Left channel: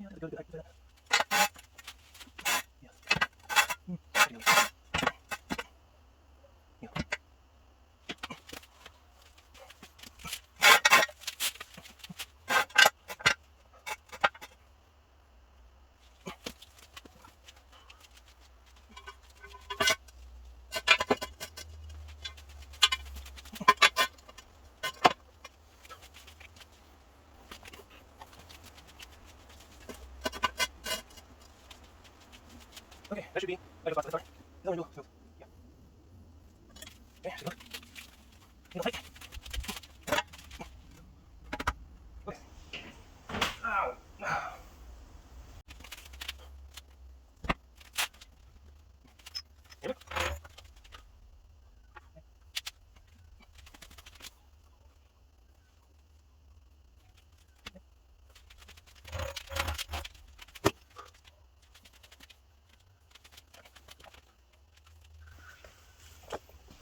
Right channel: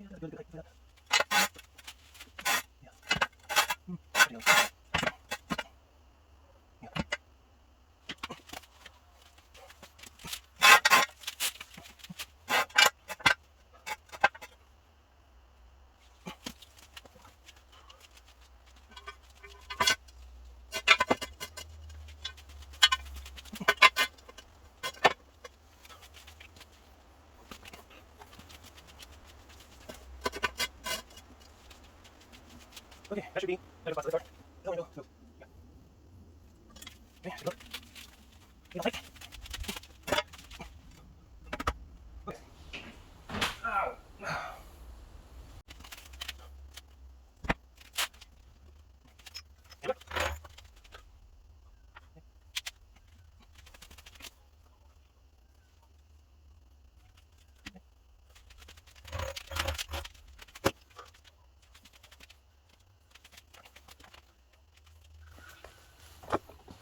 Yeah, that's good. I can play that. Yeah. There you go. Yeah. Okay, that should be. I just lost the door. Still window. So, yeah. Okay, take a look. You know, like. Okay. Ow. Here we go.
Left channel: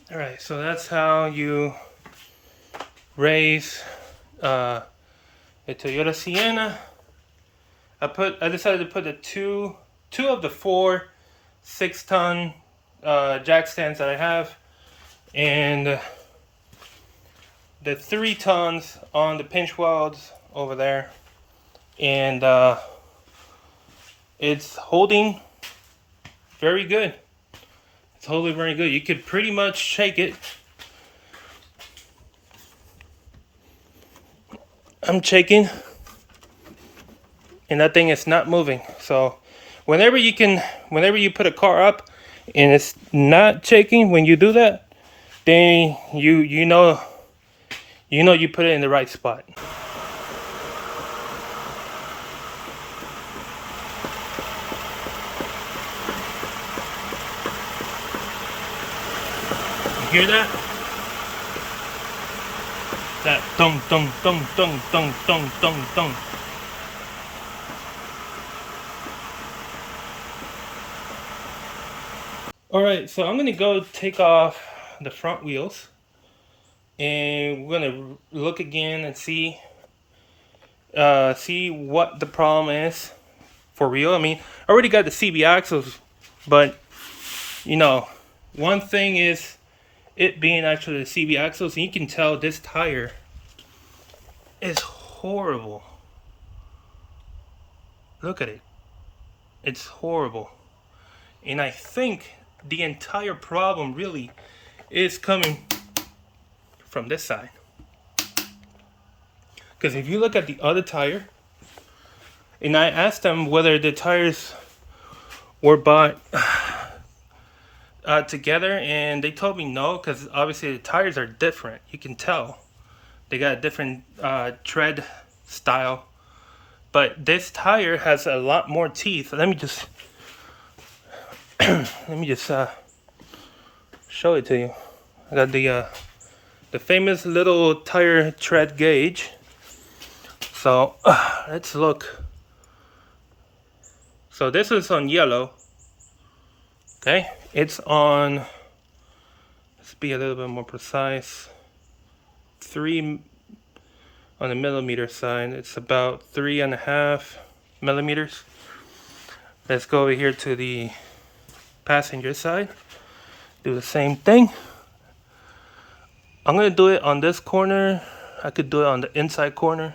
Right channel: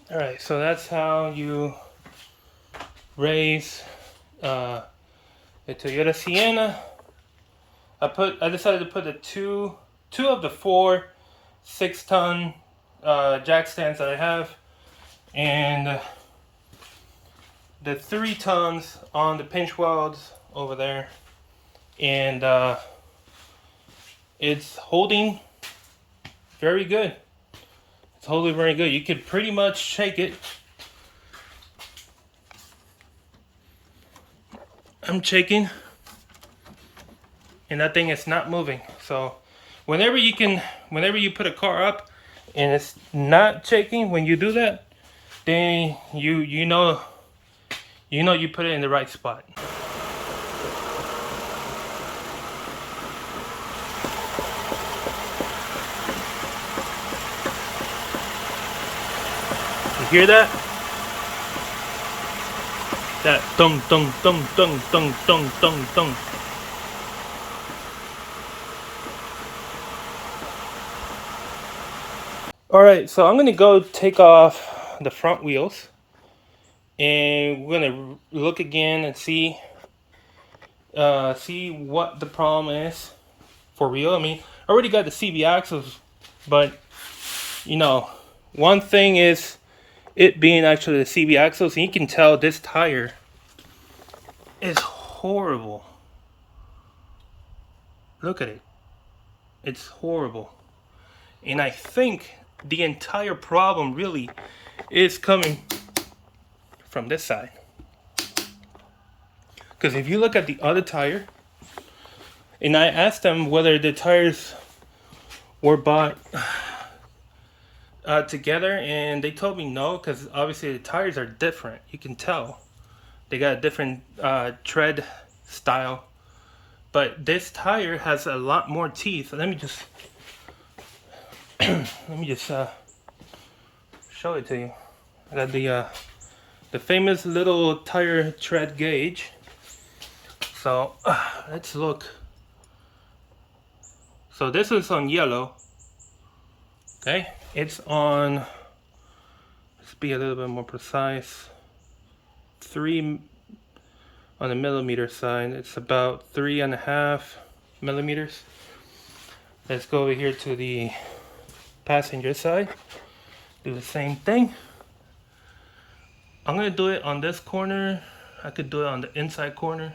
All right, so that's how you raise a Toyota Sienna. I decided to put the two of the 4 6-ton jack stands that I have, and the 3 tons on the pinch welds over there, and it's holding very good. It's holding very good. You could pretty much shake it. I'm shaking, and that thing is not moving. So whenever you put a car up and it's not shaking, when you do that, then you know you put it in the right spot. You hear that? That dong dong dong dong dong dong dong dong. All right, so I'm gonna go take off the front wheels, and we're gonna look again and see what the problem is for real. I mean, I already got the CB axles, but you know, one thing is it being actually the CB axles, and you can tell this tire is horrible. Look at it. It's horrible. And I think the entire problem really is coming from this side. Because if you look at the other tire, and I asked them whether the tires were bought together, and they told me no, because obviously the tires are different. You can tell they got a different tread style, but this tire has a lot more teeth. Let me just show it to you. I got the famous little tire tread gauge. So let's look. So this is on yellow. Okay, it's on, let's be a little bit more precise, 3 on the millimeter side. It's about 3.5 millimeters. Let's go over here to the passenger side. Do the same thing. I'm gonna do it on this corner. I could do it on the inside corner.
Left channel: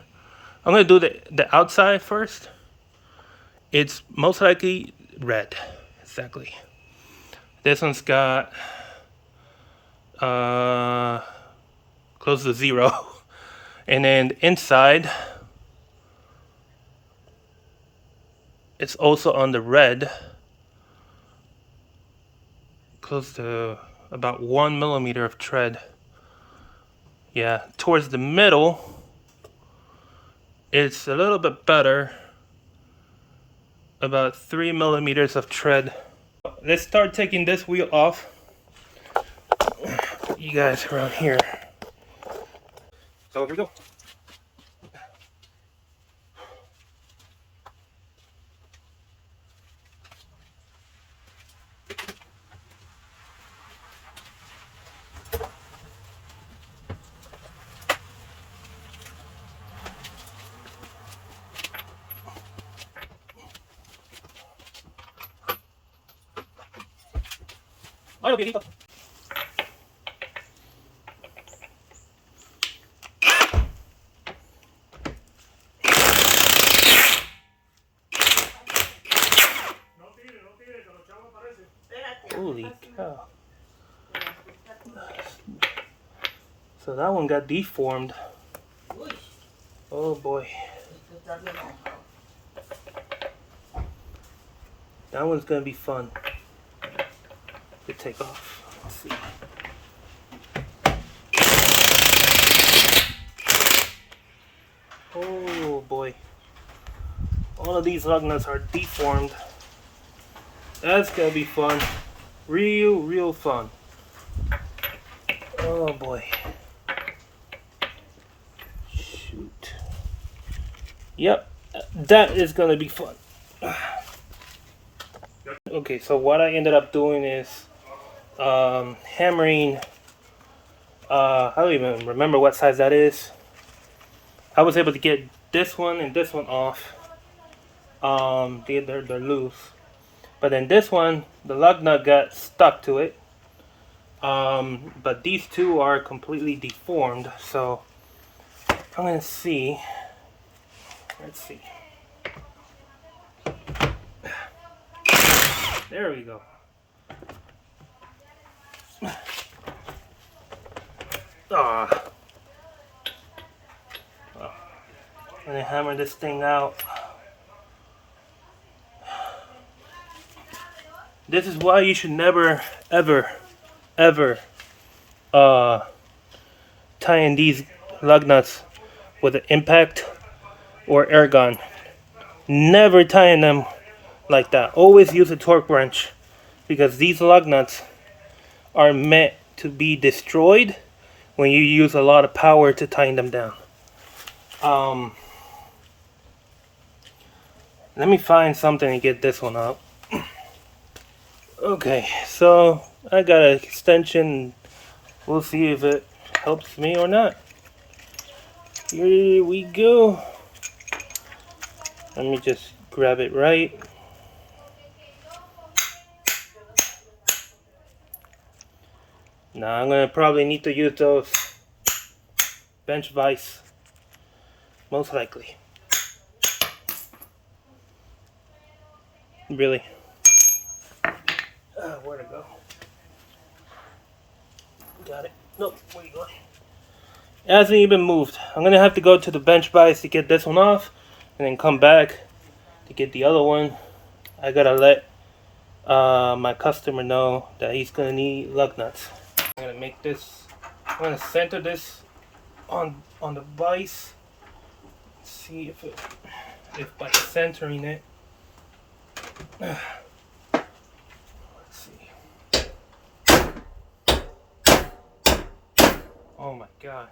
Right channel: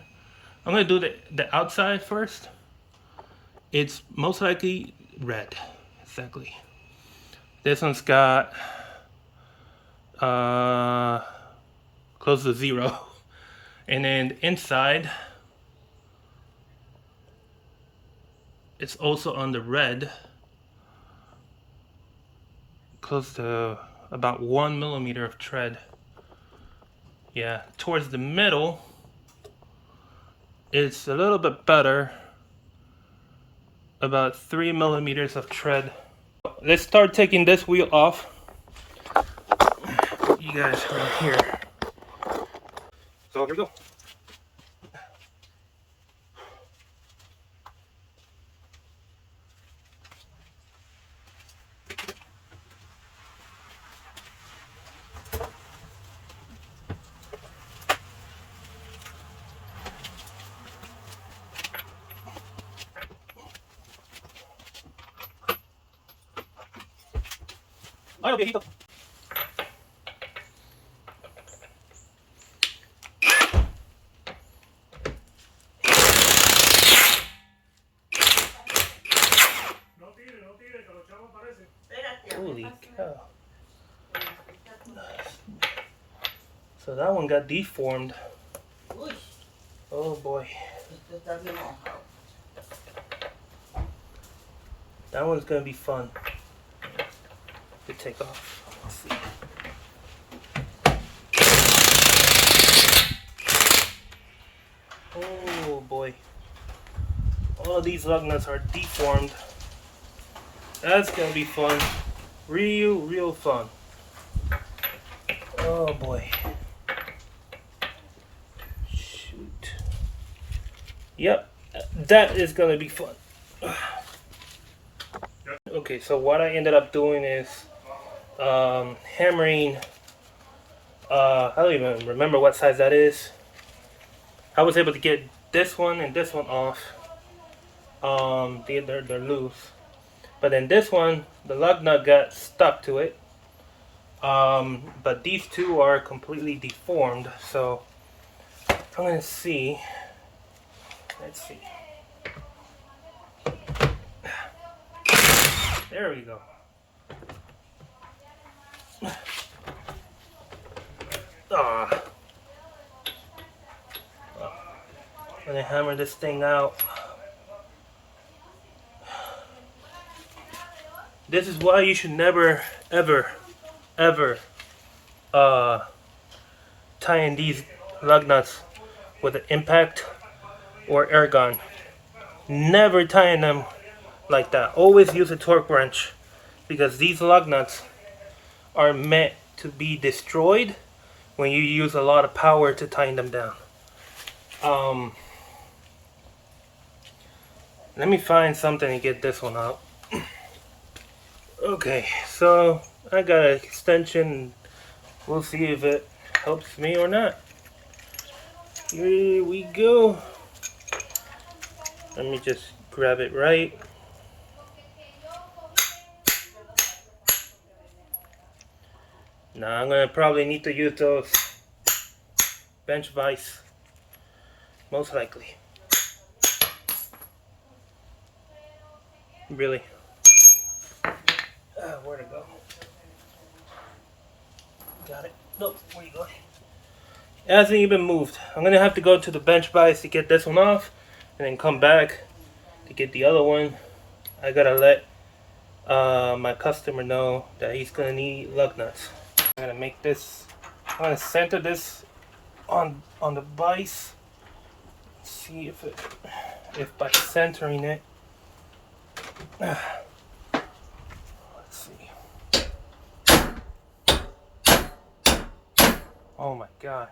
I'm gonna do the outside first. It's most likely red. Exactly. This one's got close to 0. And then inside, it's also on the red, close to about 1 millimeter of tread. Yeah, towards the middle, it's a little bit better, about 3 millimeters of tread. Let's start taking this wheel off. You guys right here. So here we go. Ay, viejito. Holy cow. So that one got deformed. Oh boy. That one's gonna be fun to take off. Let's see. Oh boy. All of these lug nuts are deformed. That's gonna be fun. Real fun. Oh boy. Shoot. Yep, that is gonna be fun. Okay, so what I ended up doing is hammering. I don't even remember what size that is. I was able to get this one and this one off. They're loose. But then this one, the lug nut got stuck to it. But these two are completely deformed. So I'm gonna see. Let's see. There we go. Ah. I'm gonna hammer this thing out. This is why you should never, ever tie in these lug nuts with an impact or air gun. Never tie in them like that. Always use a torque wrench, because these lug nuts are meant to be destroyed when you use a lot of power to tighten them down. Let me find something to get this one out. Okay, so I got an extension. We'll see if it helps me or not. Here we go. Let me just grab it right. Now I'm gonna probably need to use those bench vise, most likely. Really. Where to go? Got it. Nope, where you going? It hasn't even moved. I'm gonna have to go to the bench vise to get this one off, and then come back to get the other one. I gotta let my customer know that he's gonna need lug nuts. I'm gonna make this. I'm gonna center this on the vise. See if by centering it. Let's see. Oh my god.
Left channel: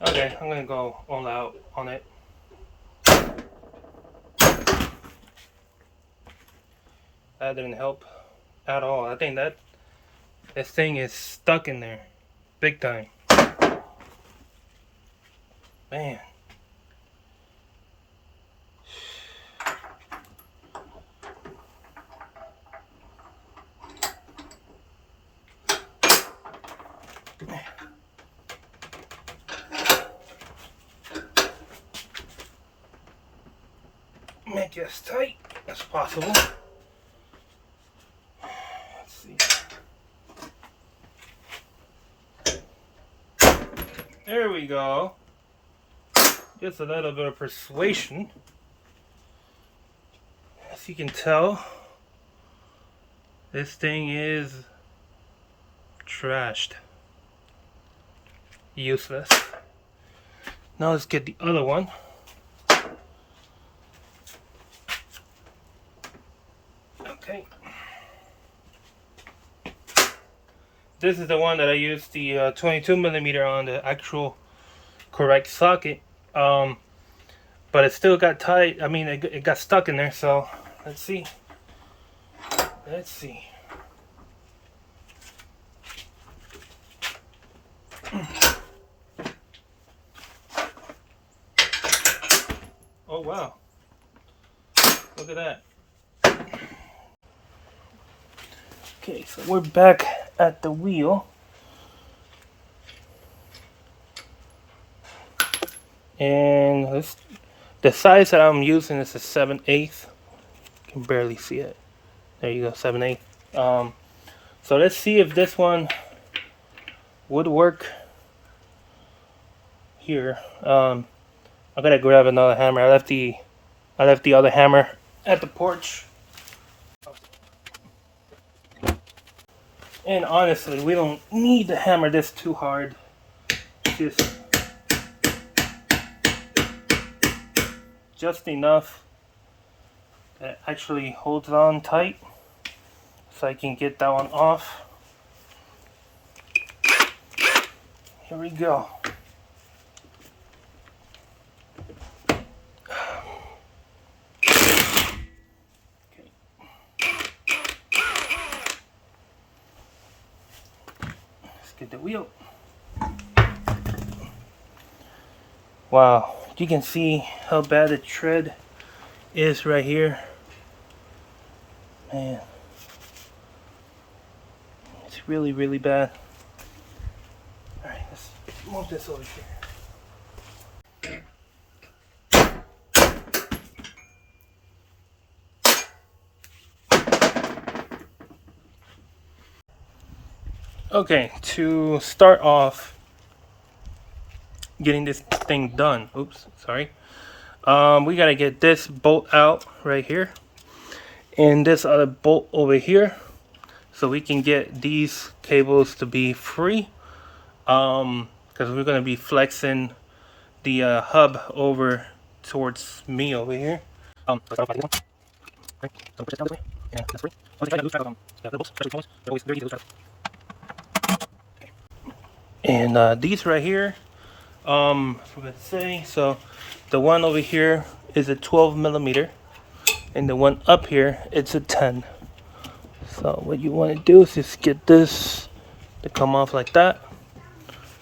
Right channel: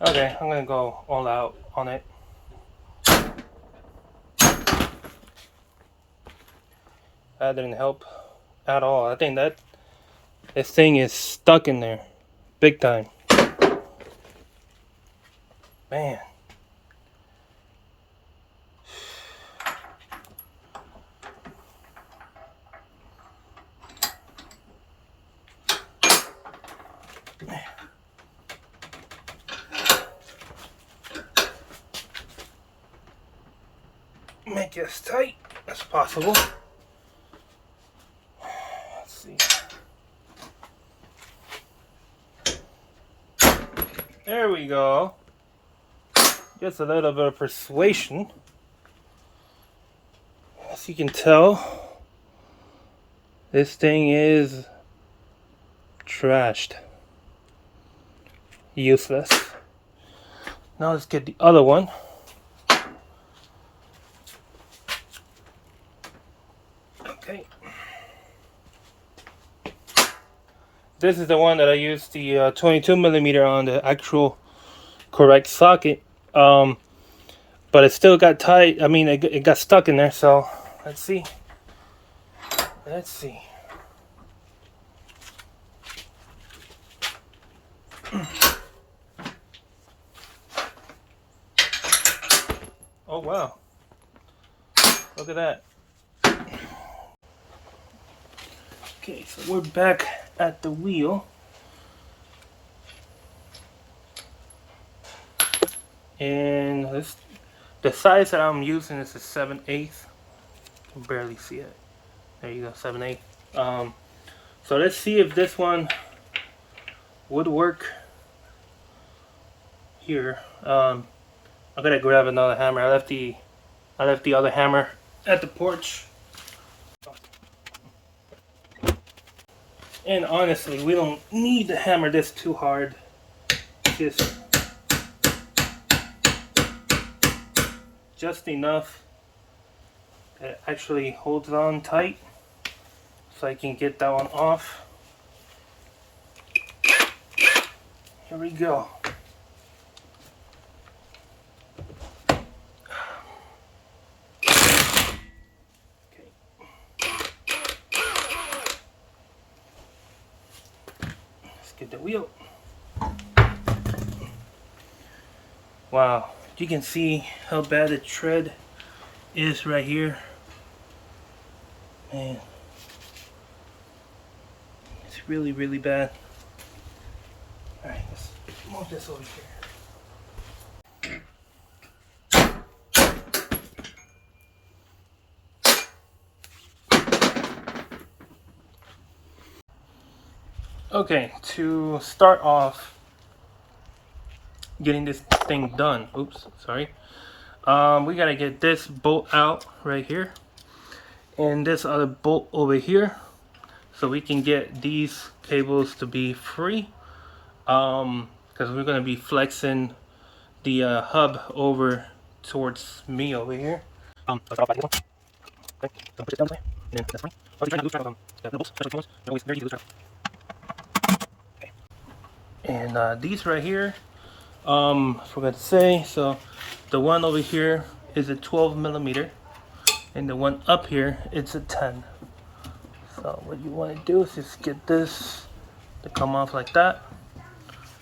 Okay, I'm gonna go all out on it. That didn't help at all. I think that this thing is stuck in there big time. Man. Make it as tight as possible. Let's see. There we go. Just a little bit of persuasion. As you can tell, this thing is trashed. Useless. Now let's get the other one. Okay. This is the one that I used the 22mm on, the actual correct socket. But it still got tight. I mean, it got stuck in there. So let's see. Let's see. Oh wow. Look at that. Okay, so we're back at the wheel. And this, the size that I'm using is a 7/8. You can barely see it. There you go, 7/8. So let's see if this one would work here. I gotta grab another hammer. I left the other hammer at the porch. And honestly, we don't need to hammer this too hard. Just enough that actually holds on tight, so I can get that one off. Here we go. Let's get the wheel. Wow, you can see how bad the tread is right here. Man, it's really, really bad. Alright, let's move this over here. Okay, to start off getting this thing done, oops, sorry. We gotta get this bolt out right here and this other bolt over here, so we can get these cables to be free, because we're gonna be flexing the hub over towards me over here. Let's start off by this one. Okay, don't push it down this way, and that's free. Obviously, try not to lose track of the bolts, especially ones. They're always very easy to lose track of. Okay. And these right here, I forgot to say, so the one over here is a 12mm, and the one up here it's a 10. So what you want to do is just get this to come off like that.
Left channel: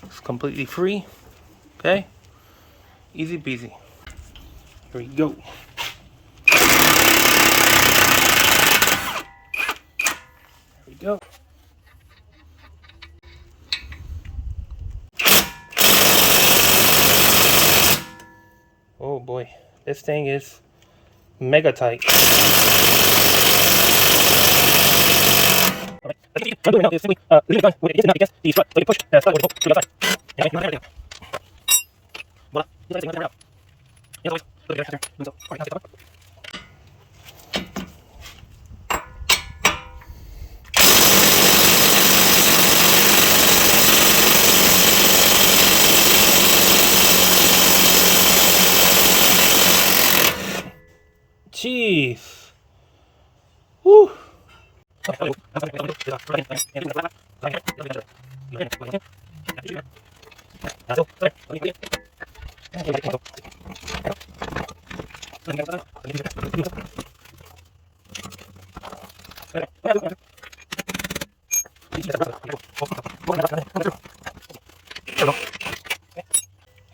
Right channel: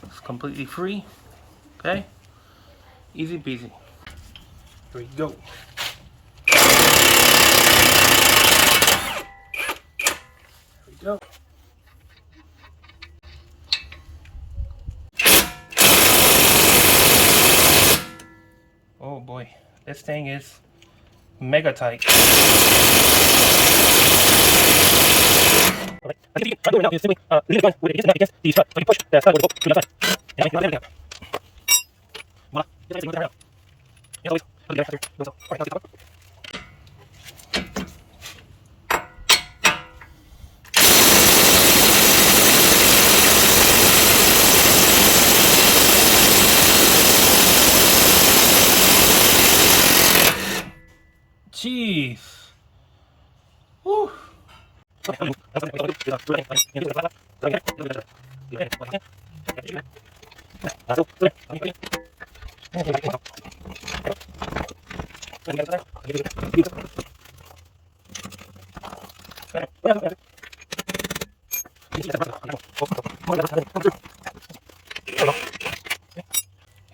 It's completely free. Okay, easy peasy. Here we go. Here we go. Oh boy, this thing is mega tight. Alright, as you can see, what I'm doing now is simply leaving the gun with it against the strut, so you push the strut over the bolt to the other side. And I can let it down. Voila, just like that. As always, put it there after doing so. Alright, now let's get the Jeez. Woo. Okay,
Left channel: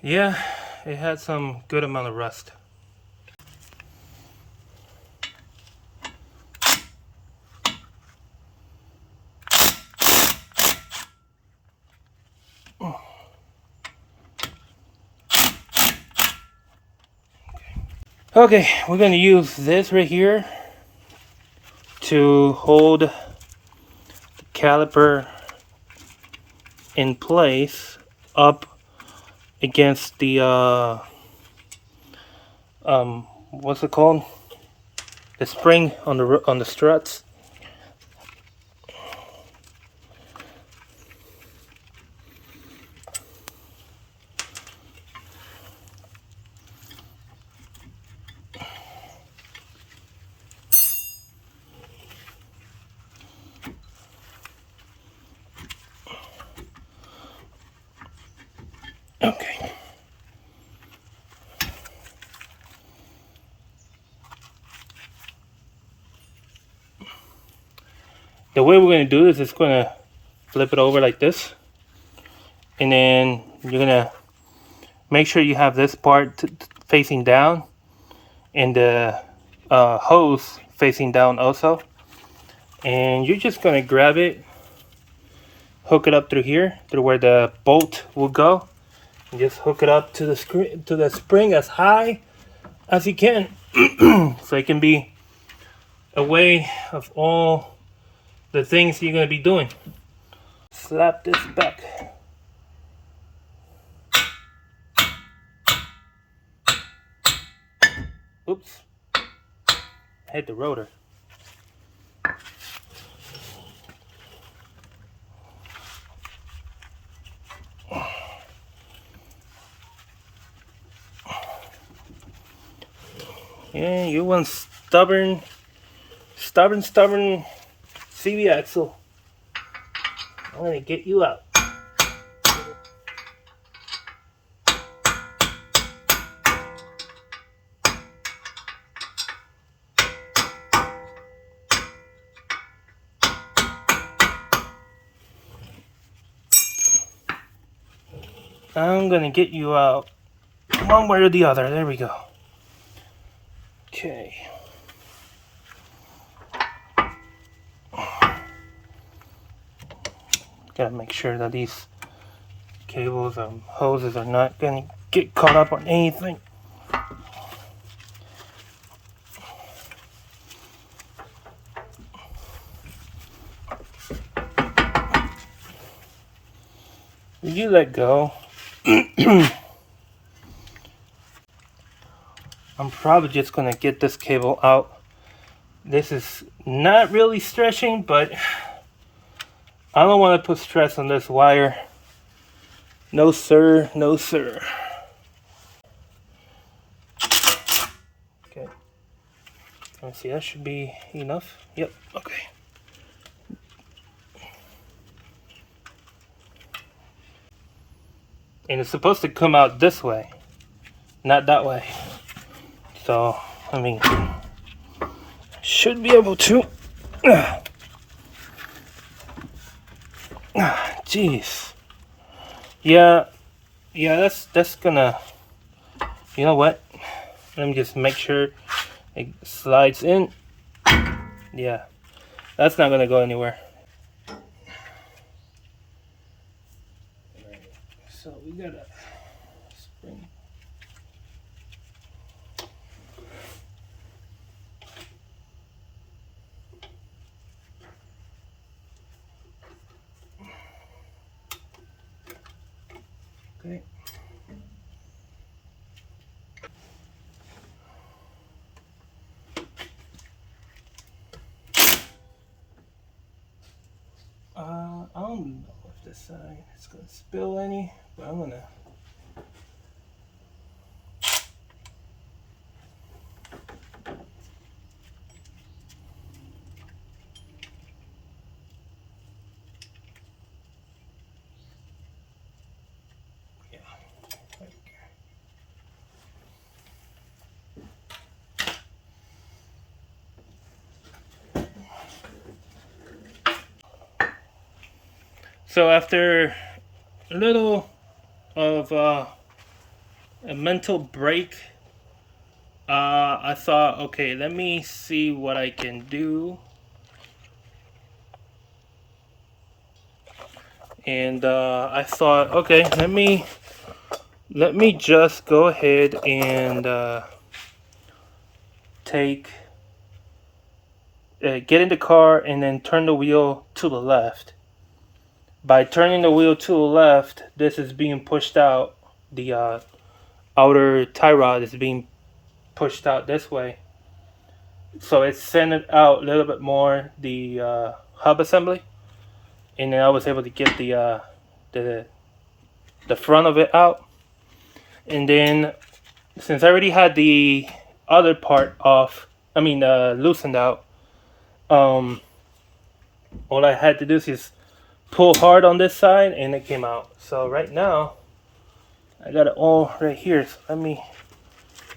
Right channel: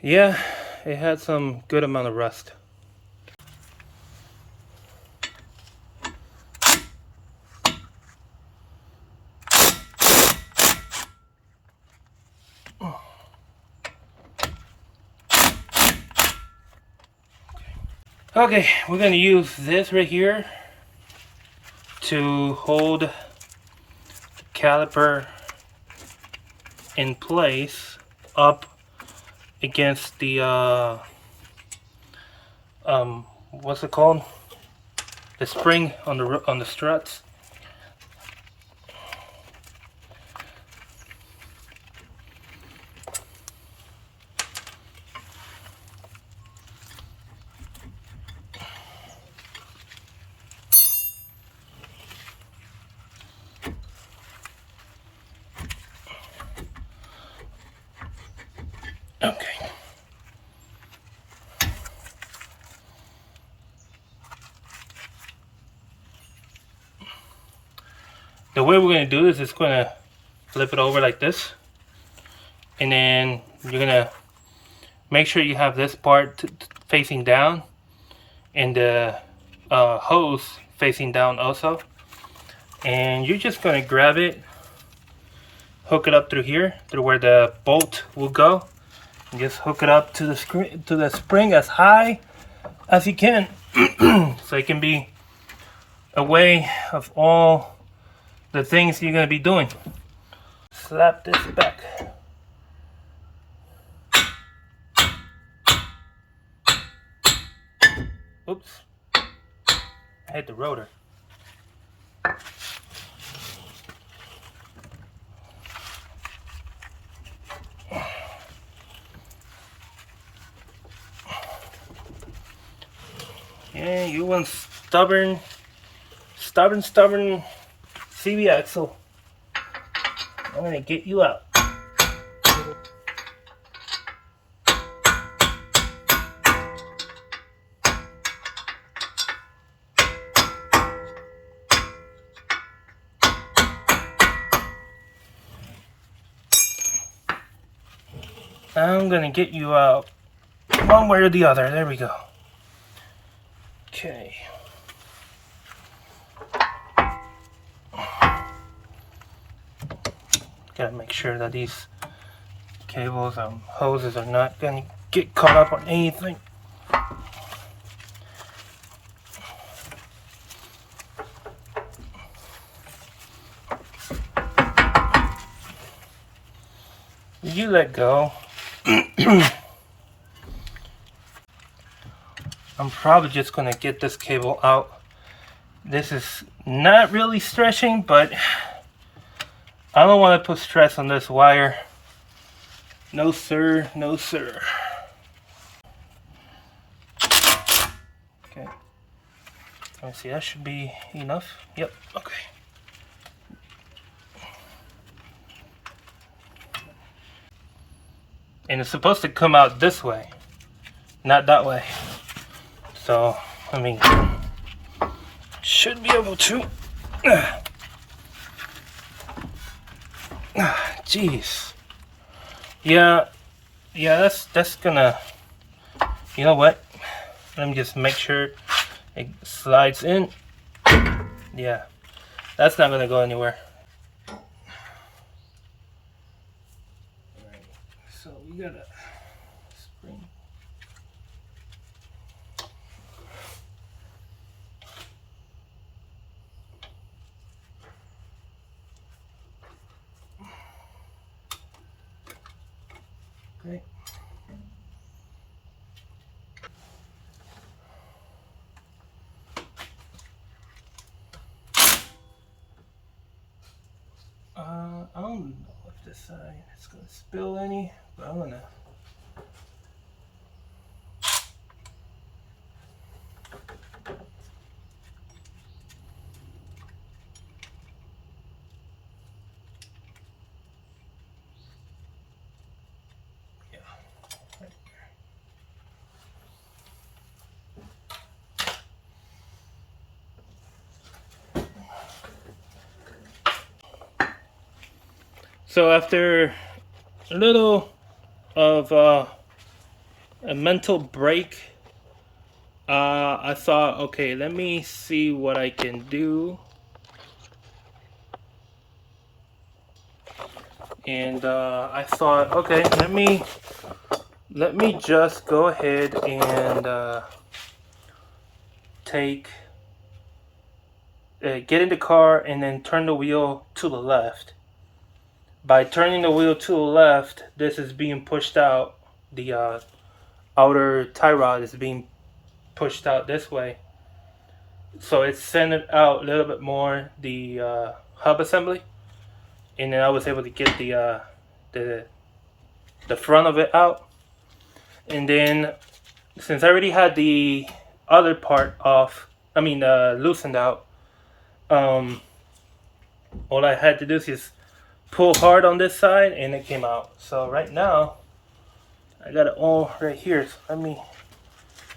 yeah, it had some good amount of rust. Okay, we're going to use this right here to hold the caliper in place up against the what's it called? The spring on the struts. Okay. The way we're going to do this is going to flip it over like this, and then you're going to make sure you have this part facing down and the hose facing down also, and you're just gonna grab it, hook it up through here, through where the bolt will go, and just hook it up to the spring as high as you can, so it can be away of all the things you're gonna be doing. Slap this back. Oops, I hit the rotor. Yeah, you want stubborn CV axle. I'm gonna get you out. I'm gonna get you out one way or the other. There we go. Okay. Gotta make sure that these cables and hoses are not gonna get caught up on anything. You let go. I'm probably just gonna get this cable out. This is not really stretching, but I don't want to put stress on this wire. No sir, no sir. Okay. Let's see, that should be enough. Yep, okay. And it's supposed to come out this way, not that way. So, I mean, should be able to. Jeez. Yeah, that's gonna. You know what? Let me just make sure it slides in. Yeah, that's not gonna go anywhere. Alright, so we got a spring. Okay. I don't know if this side is gonna spill any, but I'm gonna. So after a little of a mental break, I thought, okay, let me see what I can do. And I thought, okay, let me just go ahead and get in the car and then turn the wheel to the left. By turning the wheel to the left, this is being pushed out. The outer tie rod is being pushed out this way. So it's centered out a little bit more, the hub assembly. And then I was able to get the front of it out. And then, since I already had the other part off, loosened out, all I had to do is pull hard on this side and it came out. So right now I got it all right here, so let me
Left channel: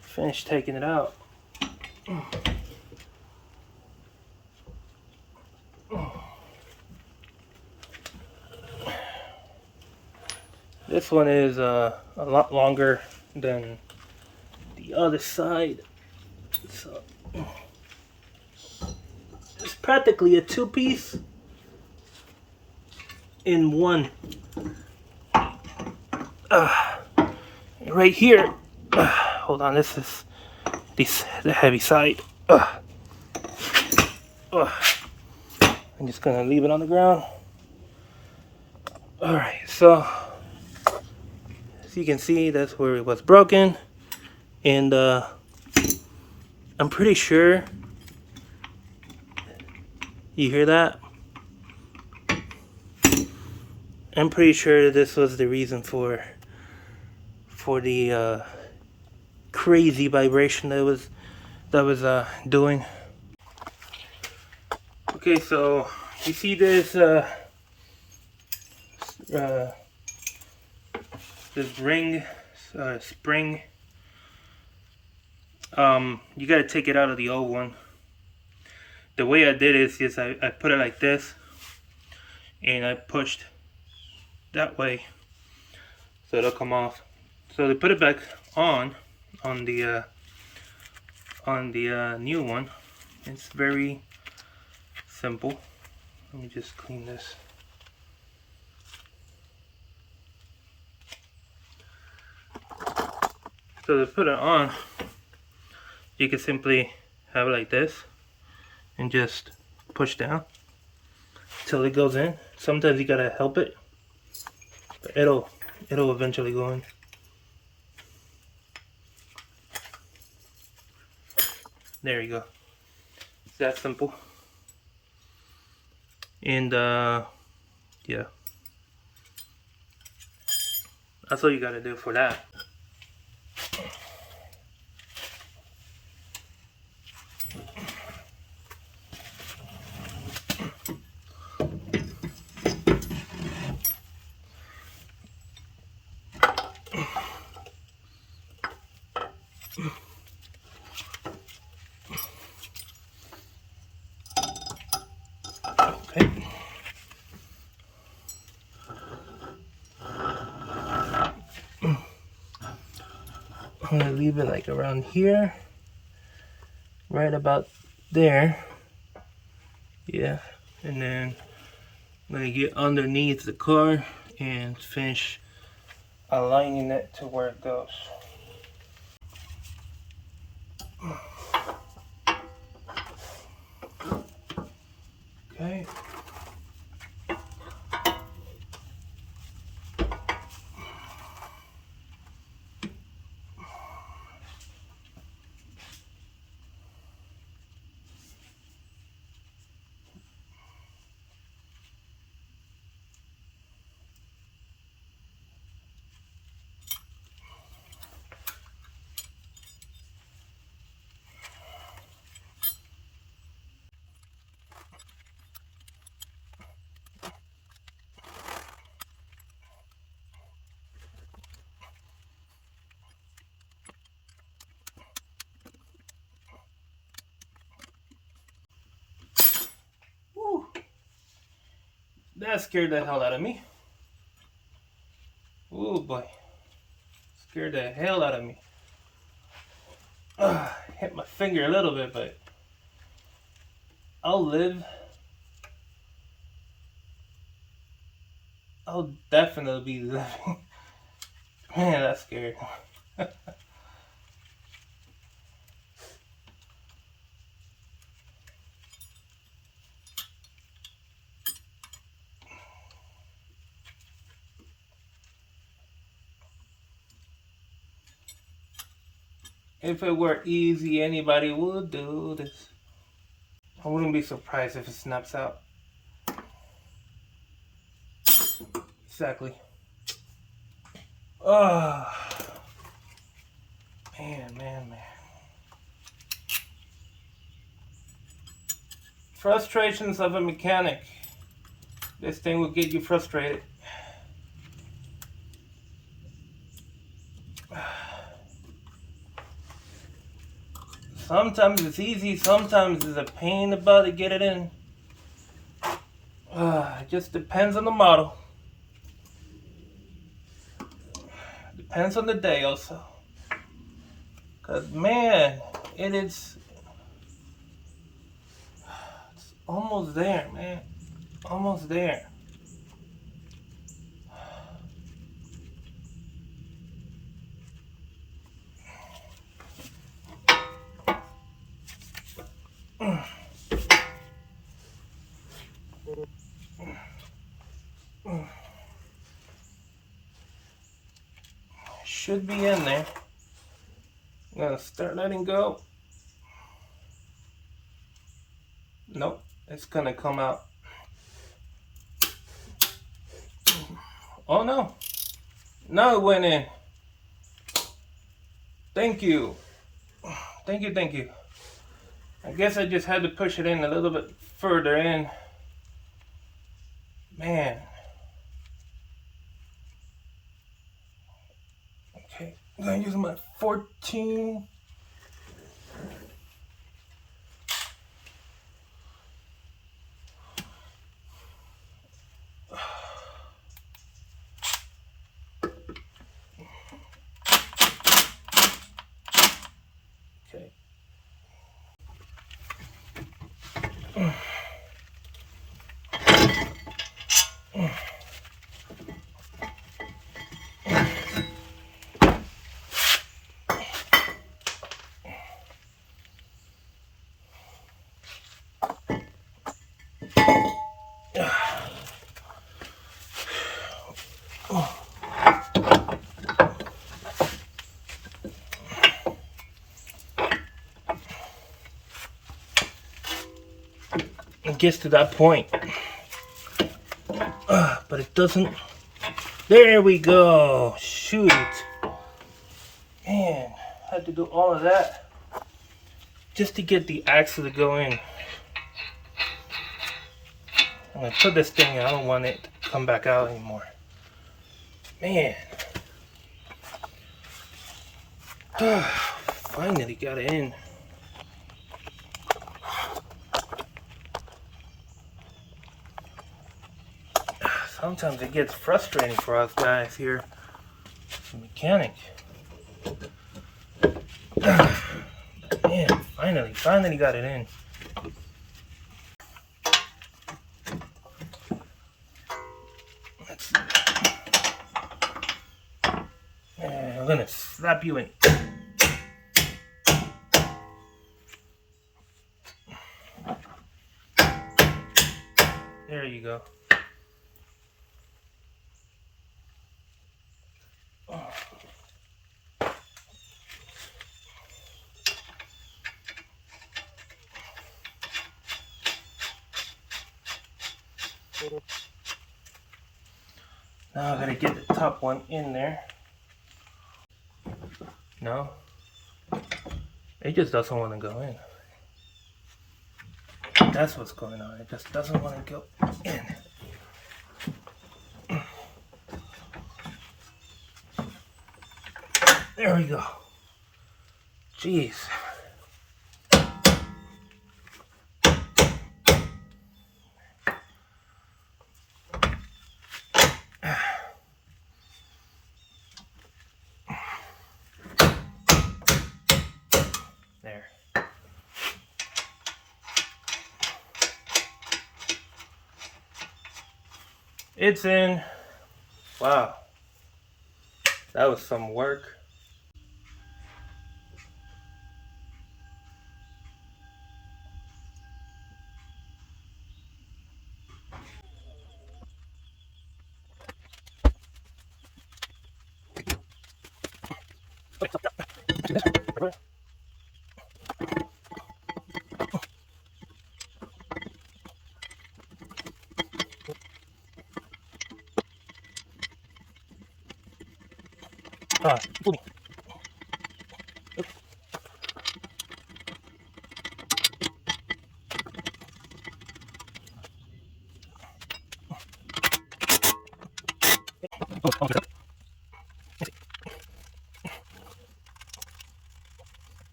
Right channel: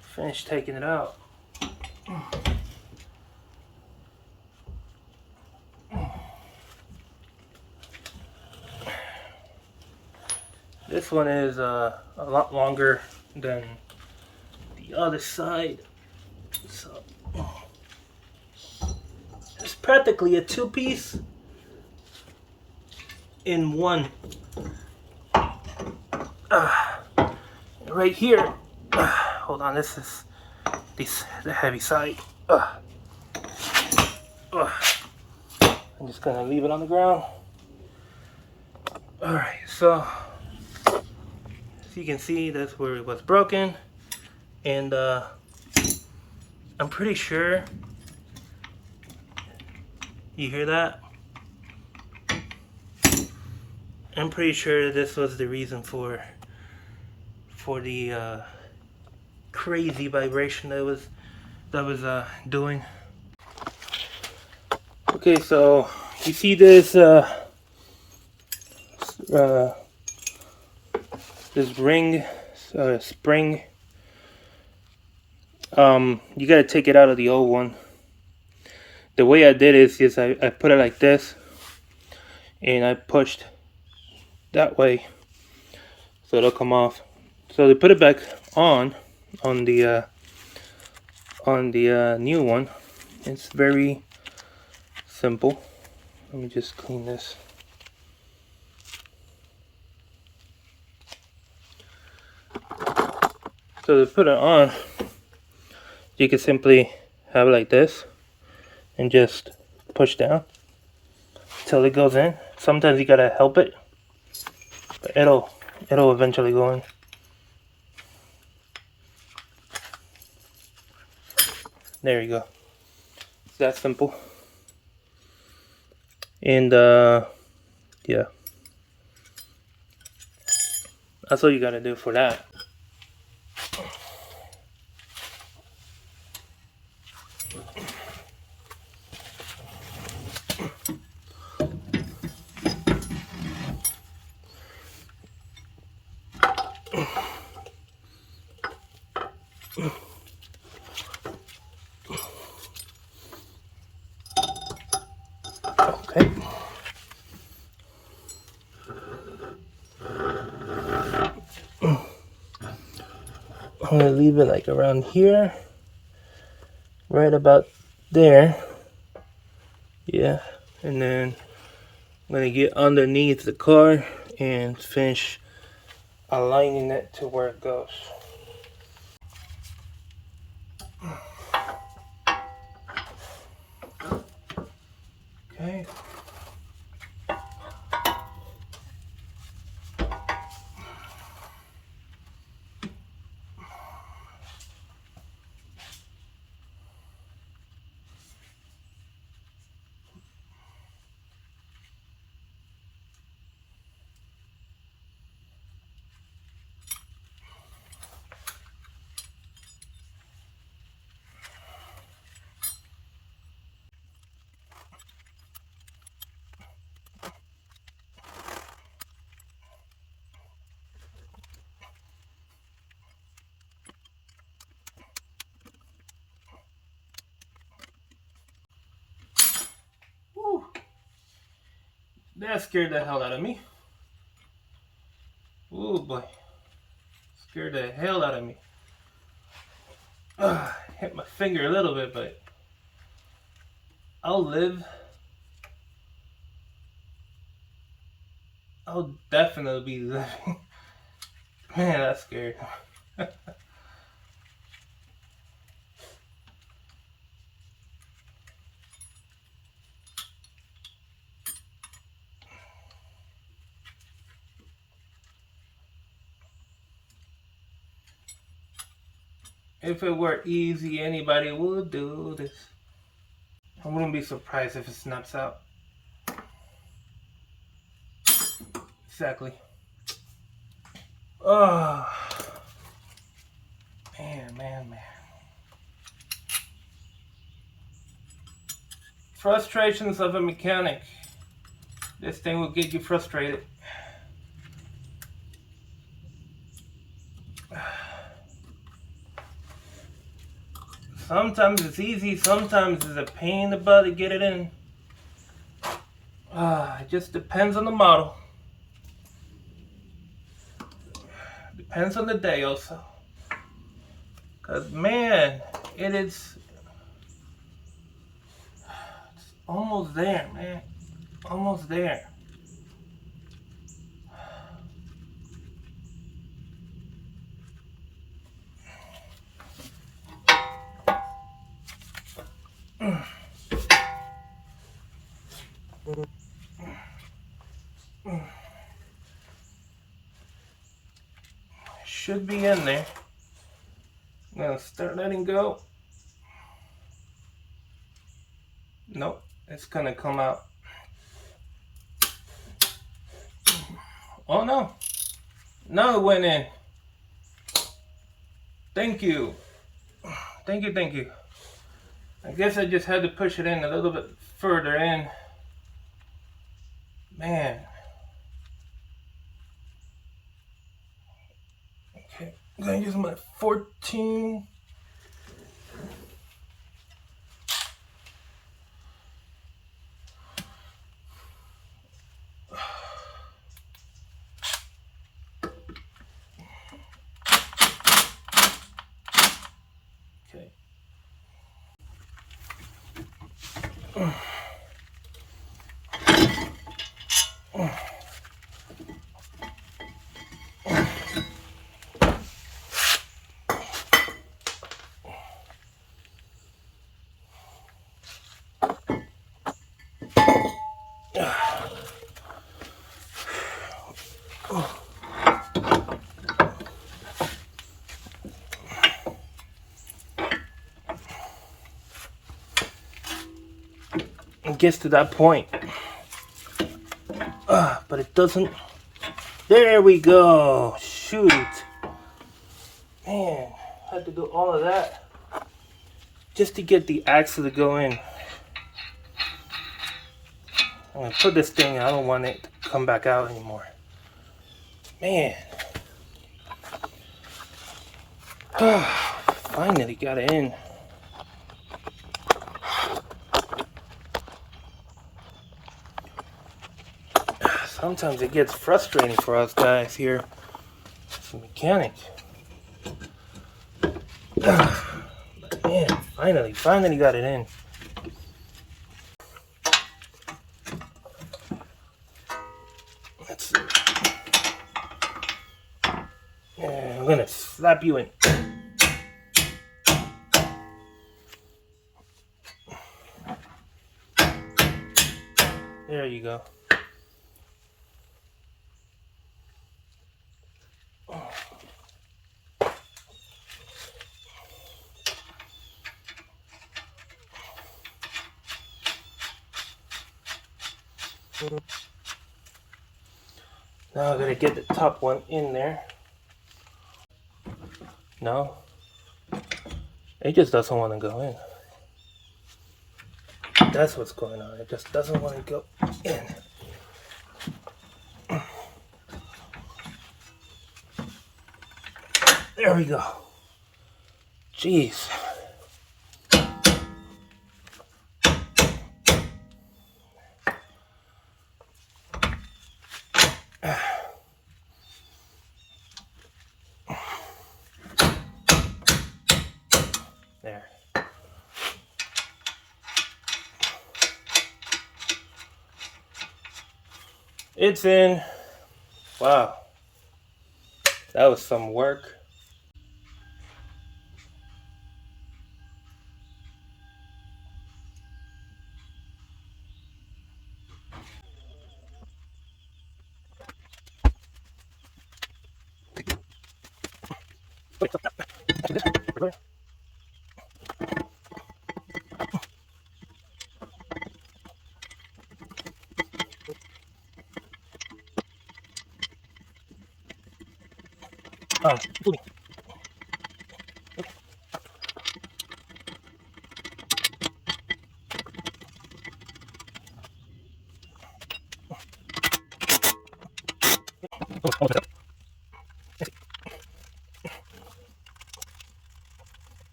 finish taking it out. This one is a lot longer than the other side, so just practically a two-piece in one. Right here. Hold on, this is the heavy side. I'm just gonna leave it on the ground. Alright, so as you can see, that's where it was broken. And I'm pretty sure you hear that? I'm pretty sure this was the reason for the crazy vibration that was doing. Okay, so you see this this ring spring. You gotta take it out of the old one. The way I did it is I put it like this, and I pushed that way, so it'll come off. So to put it back on the new one, it's very simple. Let me just clean this. So to put it on, you can simply have it like this and just push down till it goes in. Sometimes you gotta help it, but it'll eventually go in. There you go. It's that simple. And yeah, that's all you gotta do for that. Okay. I'm gonna leave it like around here, right about there. Yeah, and then I'm gonna get underneath the car and finish aligning it to where it goes. Okay. Woo. That scared the hell out of me. Oh boy. Scared the hell out of me. Hit my finger a little bit, but I'll live. I'll definitely be living. Man, that's scary. If it were easy, anybody would do this. I wouldn't be surprised if it snaps out. Exactly. Oh, man. Frustrations of a mechanic. This thing will get you frustrated. Sometimes it's easy, sometimes it's a pain in the butt to get it in. It just depends on the model. Depends on the day also. Cause man, it's Almost there, man. Almost there. Should be in there. I'm gonna start letting go. Nope, it's gonna come out. Oh no. No, it went in. Thank you. Thank you, thank you. I guess I just had to push it in a little bit further in. Man. Okay, I'm gonna use my 14. Okay. It gets to that point. But it doesn't. There we go. Shoot. Man, I had to do all of that just to get the axle to go in. I'm gonna put this thing, I don't want it to come back out anymore. Man. Finally got it in. Sometimes it gets frustrating for us guys here as a mechanic. But man, finally got it in. Let's see. Yeah, I'm gonna slap you in. There you go. Now I'm gonna get the top one in there. No, it just doesn't want to go in. That's what's going on. It just doesn't want to go in. There we go. Jeez. There. It's in. Wow. That was some work. Fool me. Okay.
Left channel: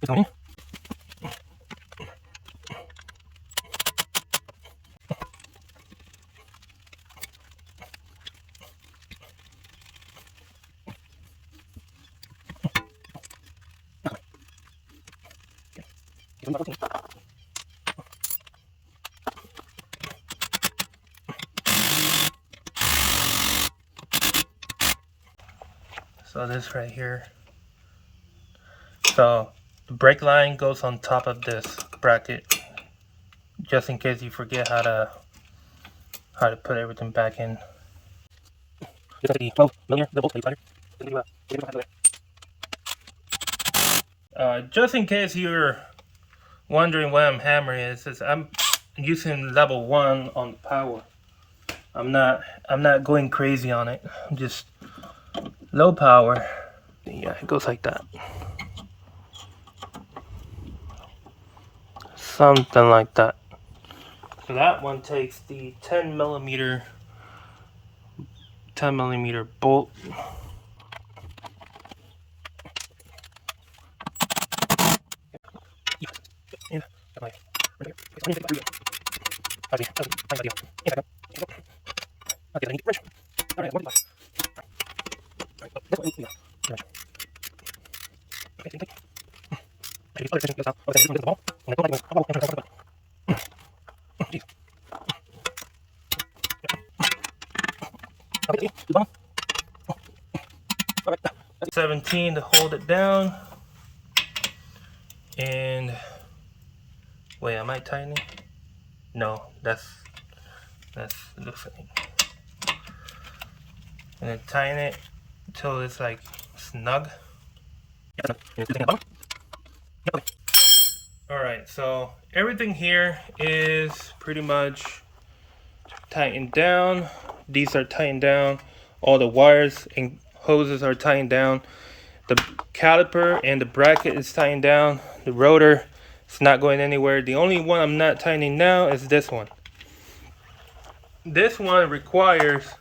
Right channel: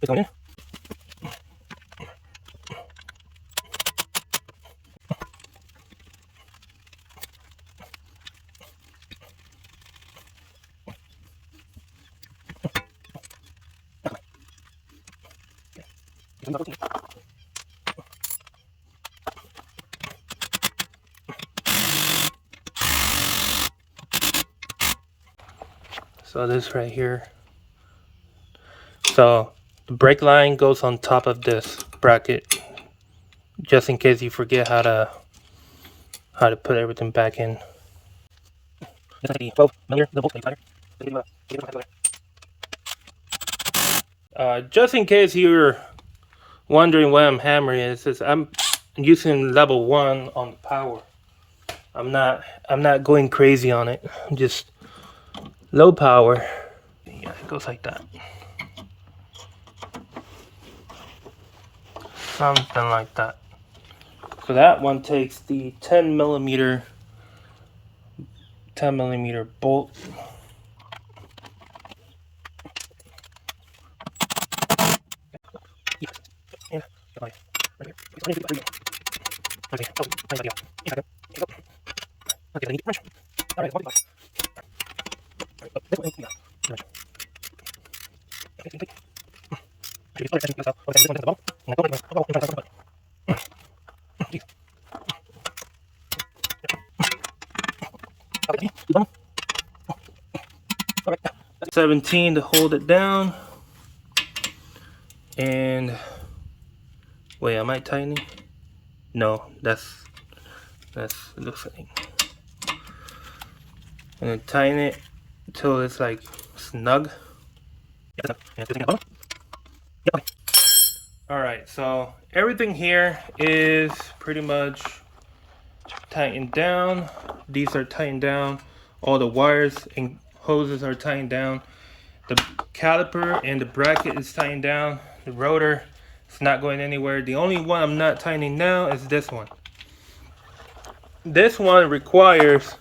It's going in. So this right here. So the brake line goes on top of this bracket, just in case you forget how to put everything back in. Just like the 12 millimeter, the bolt slider. Just in case you're wondering why I'm hammering, is I'm using level 1 on the power. I'm not going crazy on it. I'm just low power. Yeah, it goes like that. Something like that. So that one takes the 10 millimeter bolt. Alright, 17 to hold it down. And wait, am I tightening? No, that's loosening. And then tighten it until it's like snug. Alright, so everything here is pretty much tightened down. These are tightened down. All the wires and hoses are tightened down. The caliper and the bracket is tightened down. The rotor is not going anywhere. The only one I'm not tightening now is this one. This one requires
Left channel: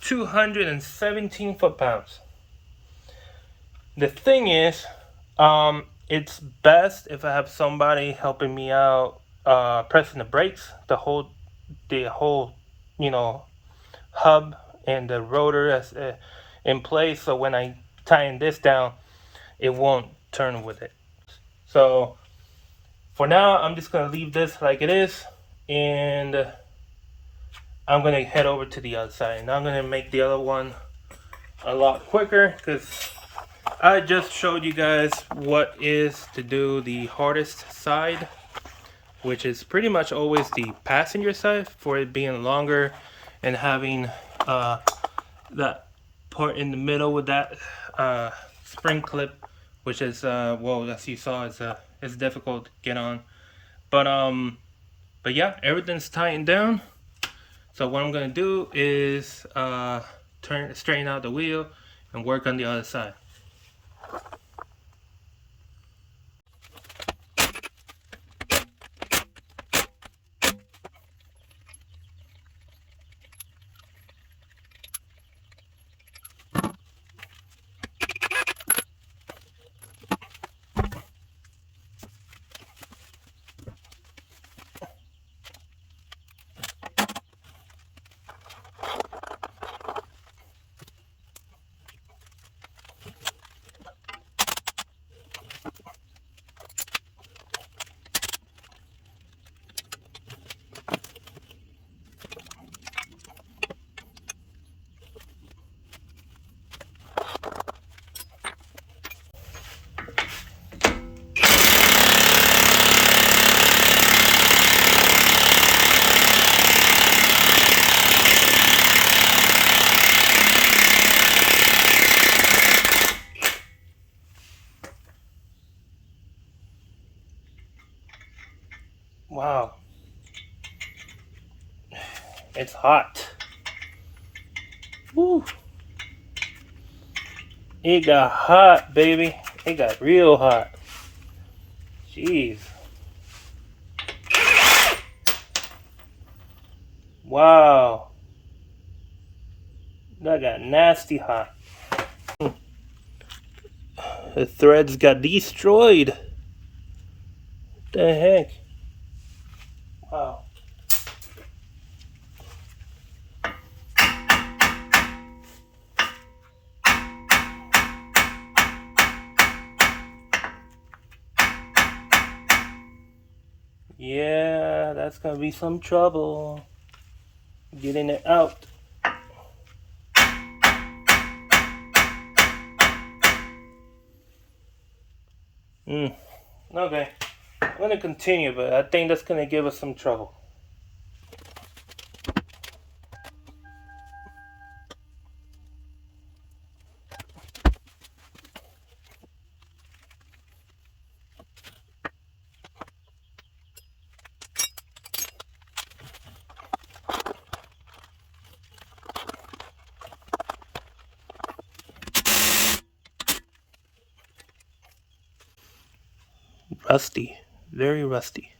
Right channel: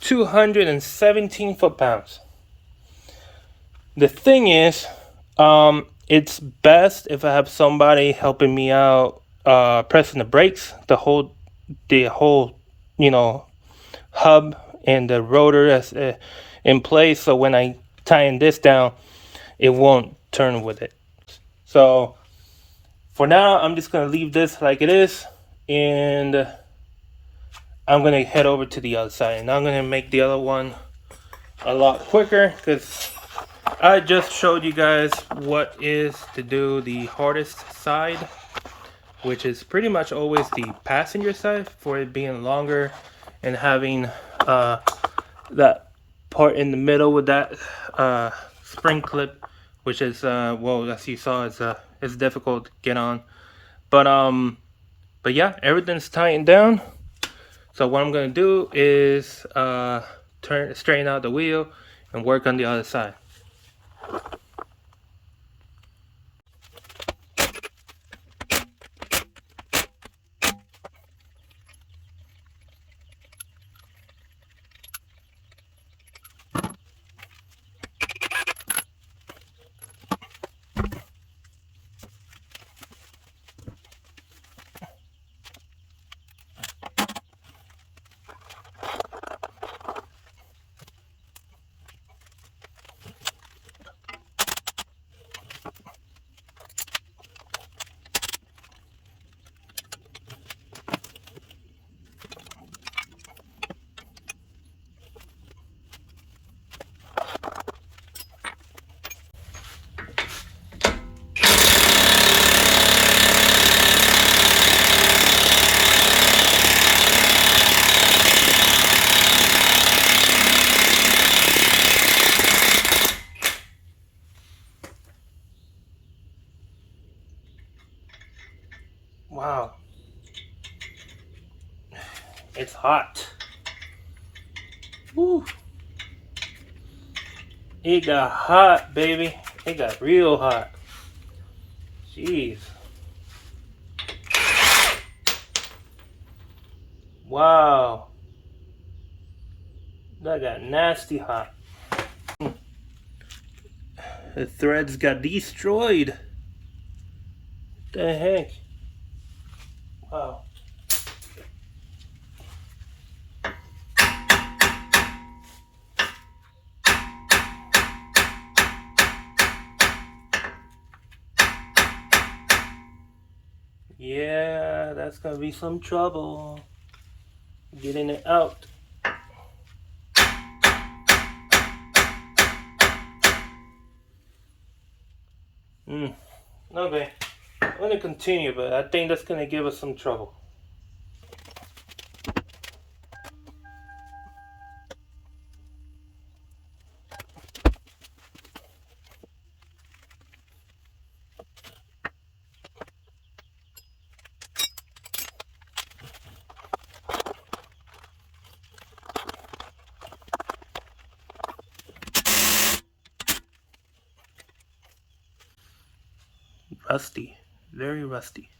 217 foot-pounds. The thing is, it's best if I have somebody helping me out pressing the brakes to hold the whole, hub and the rotor as in place, so when I tighten this down, it won't turn with it. So for now, I'm just gonna leave this like it is, and I'm gonna head over to the other side, and I'm gonna make the other one a lot quicker because I just showed you guys what is to do the hardest side, which is pretty much always the passenger side, for it being longer and having that part in the middle with that spring clip, which is well, as you saw, is difficult to get on. But yeah, everything's tightened down. So what I'm gonna do is straighten out the wheel and work on the other side. Wow, it's hot. Woo. It got hot, baby. It got real hot. Jeez. Wow. That got nasty hot. The threads got destroyed. What the heck? Wow. Yeah, that's gonna be some trouble getting it out. Okay, I'm gonna continue, but I think that's gonna give us some trouble. Rusty, very rusty.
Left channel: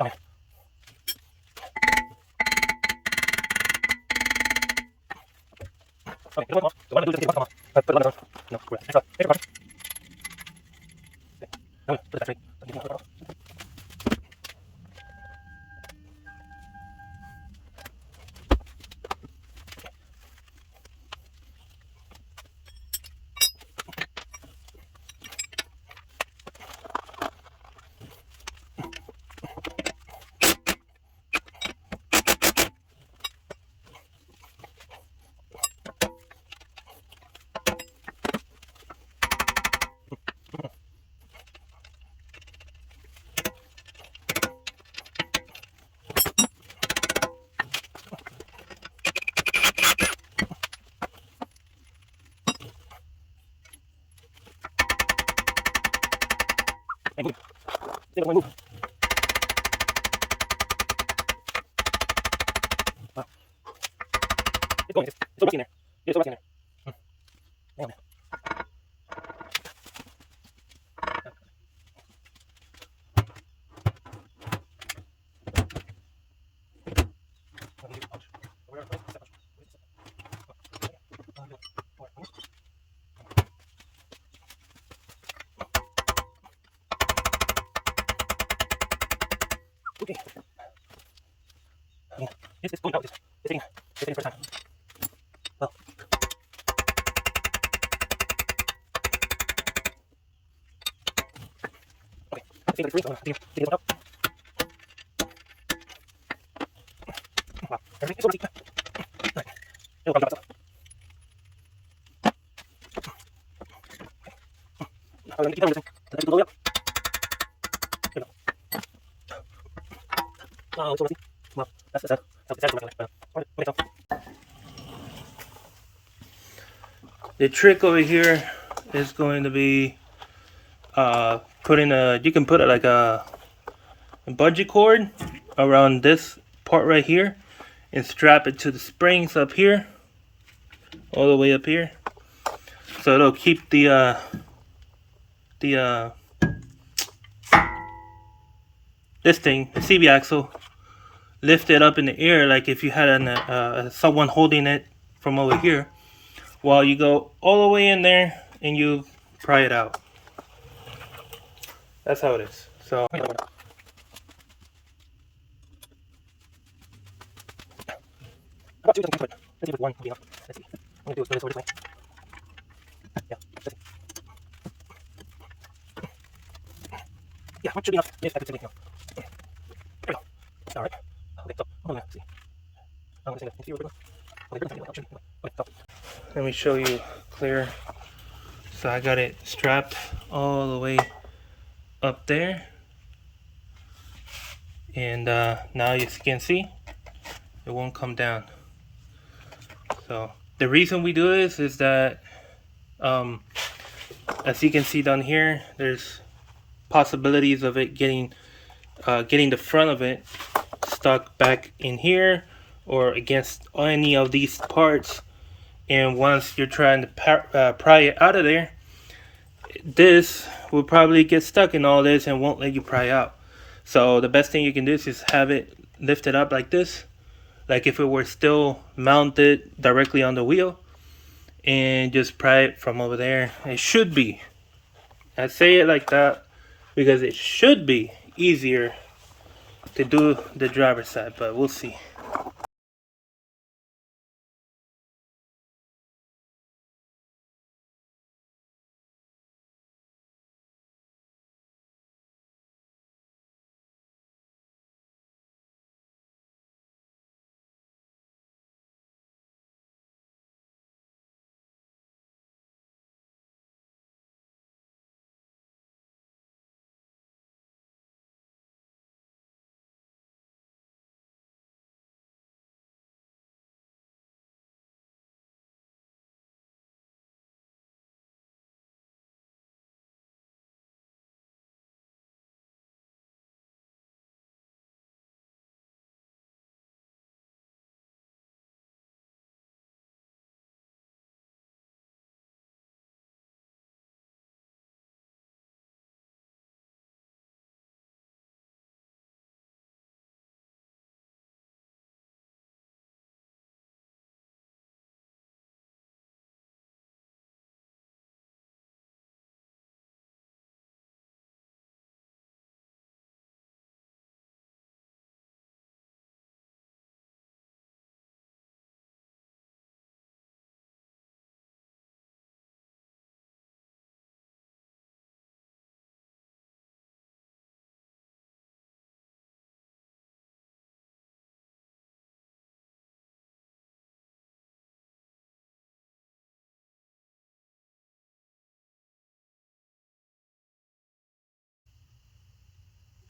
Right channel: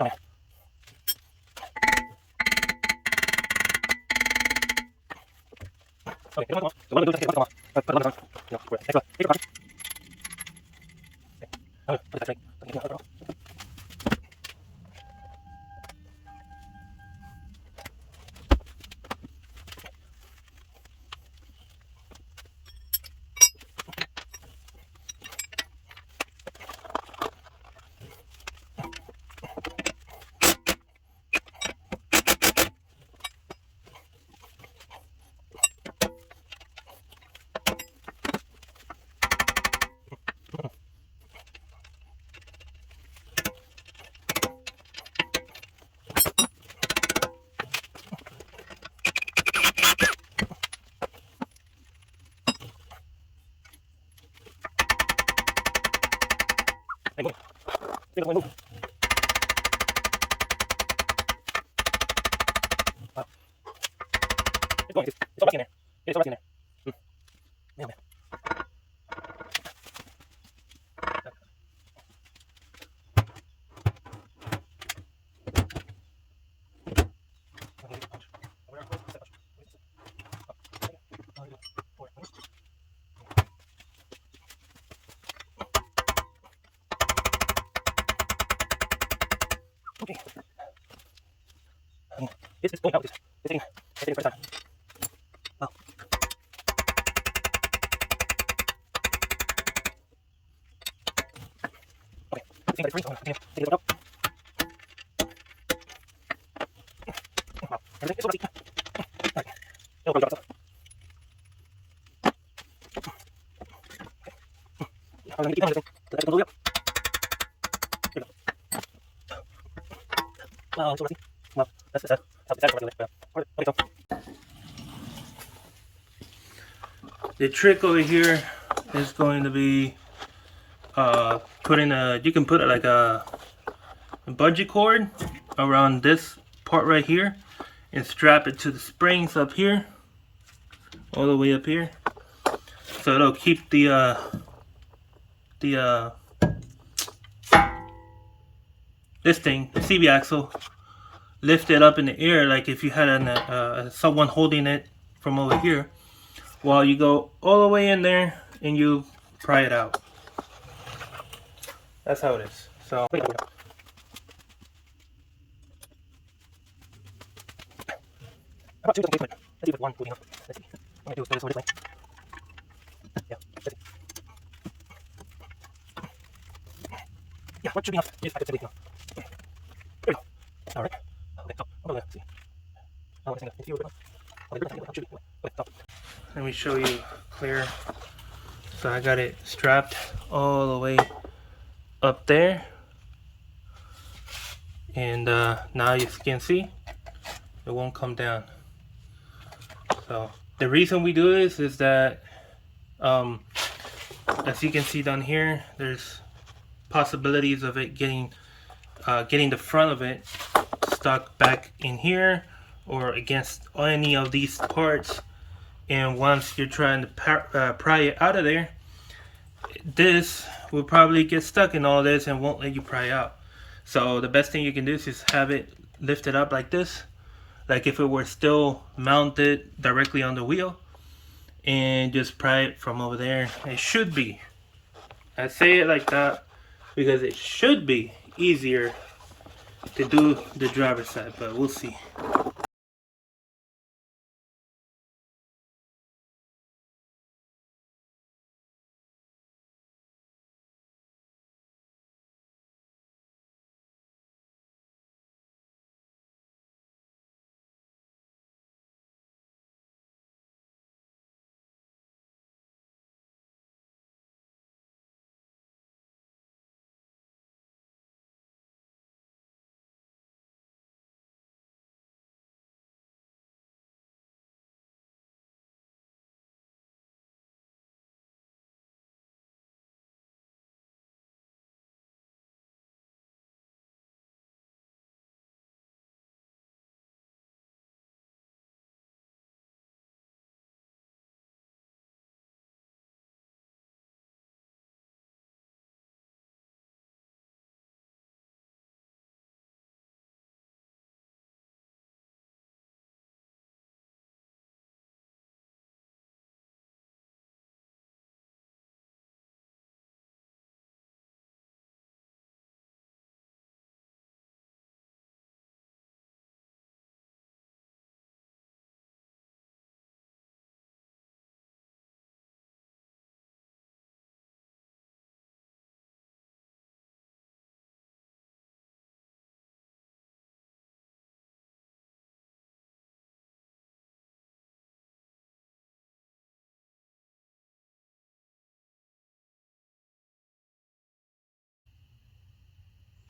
Okay. Okay, so what I'm gonna do is just take the put the lemon on. No, great. Extra caution. Okay. No, put it that way. Hey, move. Take it, move. Ah. It's going. It's so rusty in there. It's so rusty in there. Man, man. Okay. It's going out. It's taking first time. Well. Okay. It seems like it's free, so I'm taking it out. Wow. Everything is so rusty. Alright. It'll probably drop itself. I'm gonna keep down this thing. Let it go up. Here we go. Wow, it's so rusty. Well, that's regular. Okay, so. The trick over here is going to be putting you can put it like a bungee cord around this part right here and strap it to the springs up here, all the way up here, so it'll keep the this thing, the CV axle, lifted up in the air, like if you had someone holding it from over here, while you go all the way in there and you pry it out. That's how it is. So how about two just in case? Let's see if it's one moving up. Let's see. I'm gonna do is spin this over this way. Yeah, let's see. Yeah, what should be enough? Yes, I could say enough. There we go. Alright. Okay, so I'm gonna see. I want to see where we go. Okay, so let me show you clear. So I got it strapped all the way up there, and now you can see it won't come down. So the reason we do this is that as you can see down here, there's possibilities of it getting the front of it stuck back in here or against any of these parts, and once you're trying to pry it out of there, this will probably get stuck in all this and won't let you pry out. So the best thing you can do is just have it lifted up like this, like if it were still mounted directly on the wheel, and just pry it from over there. It should be I say it like that because it should be easier to do the driver's side, but we'll see.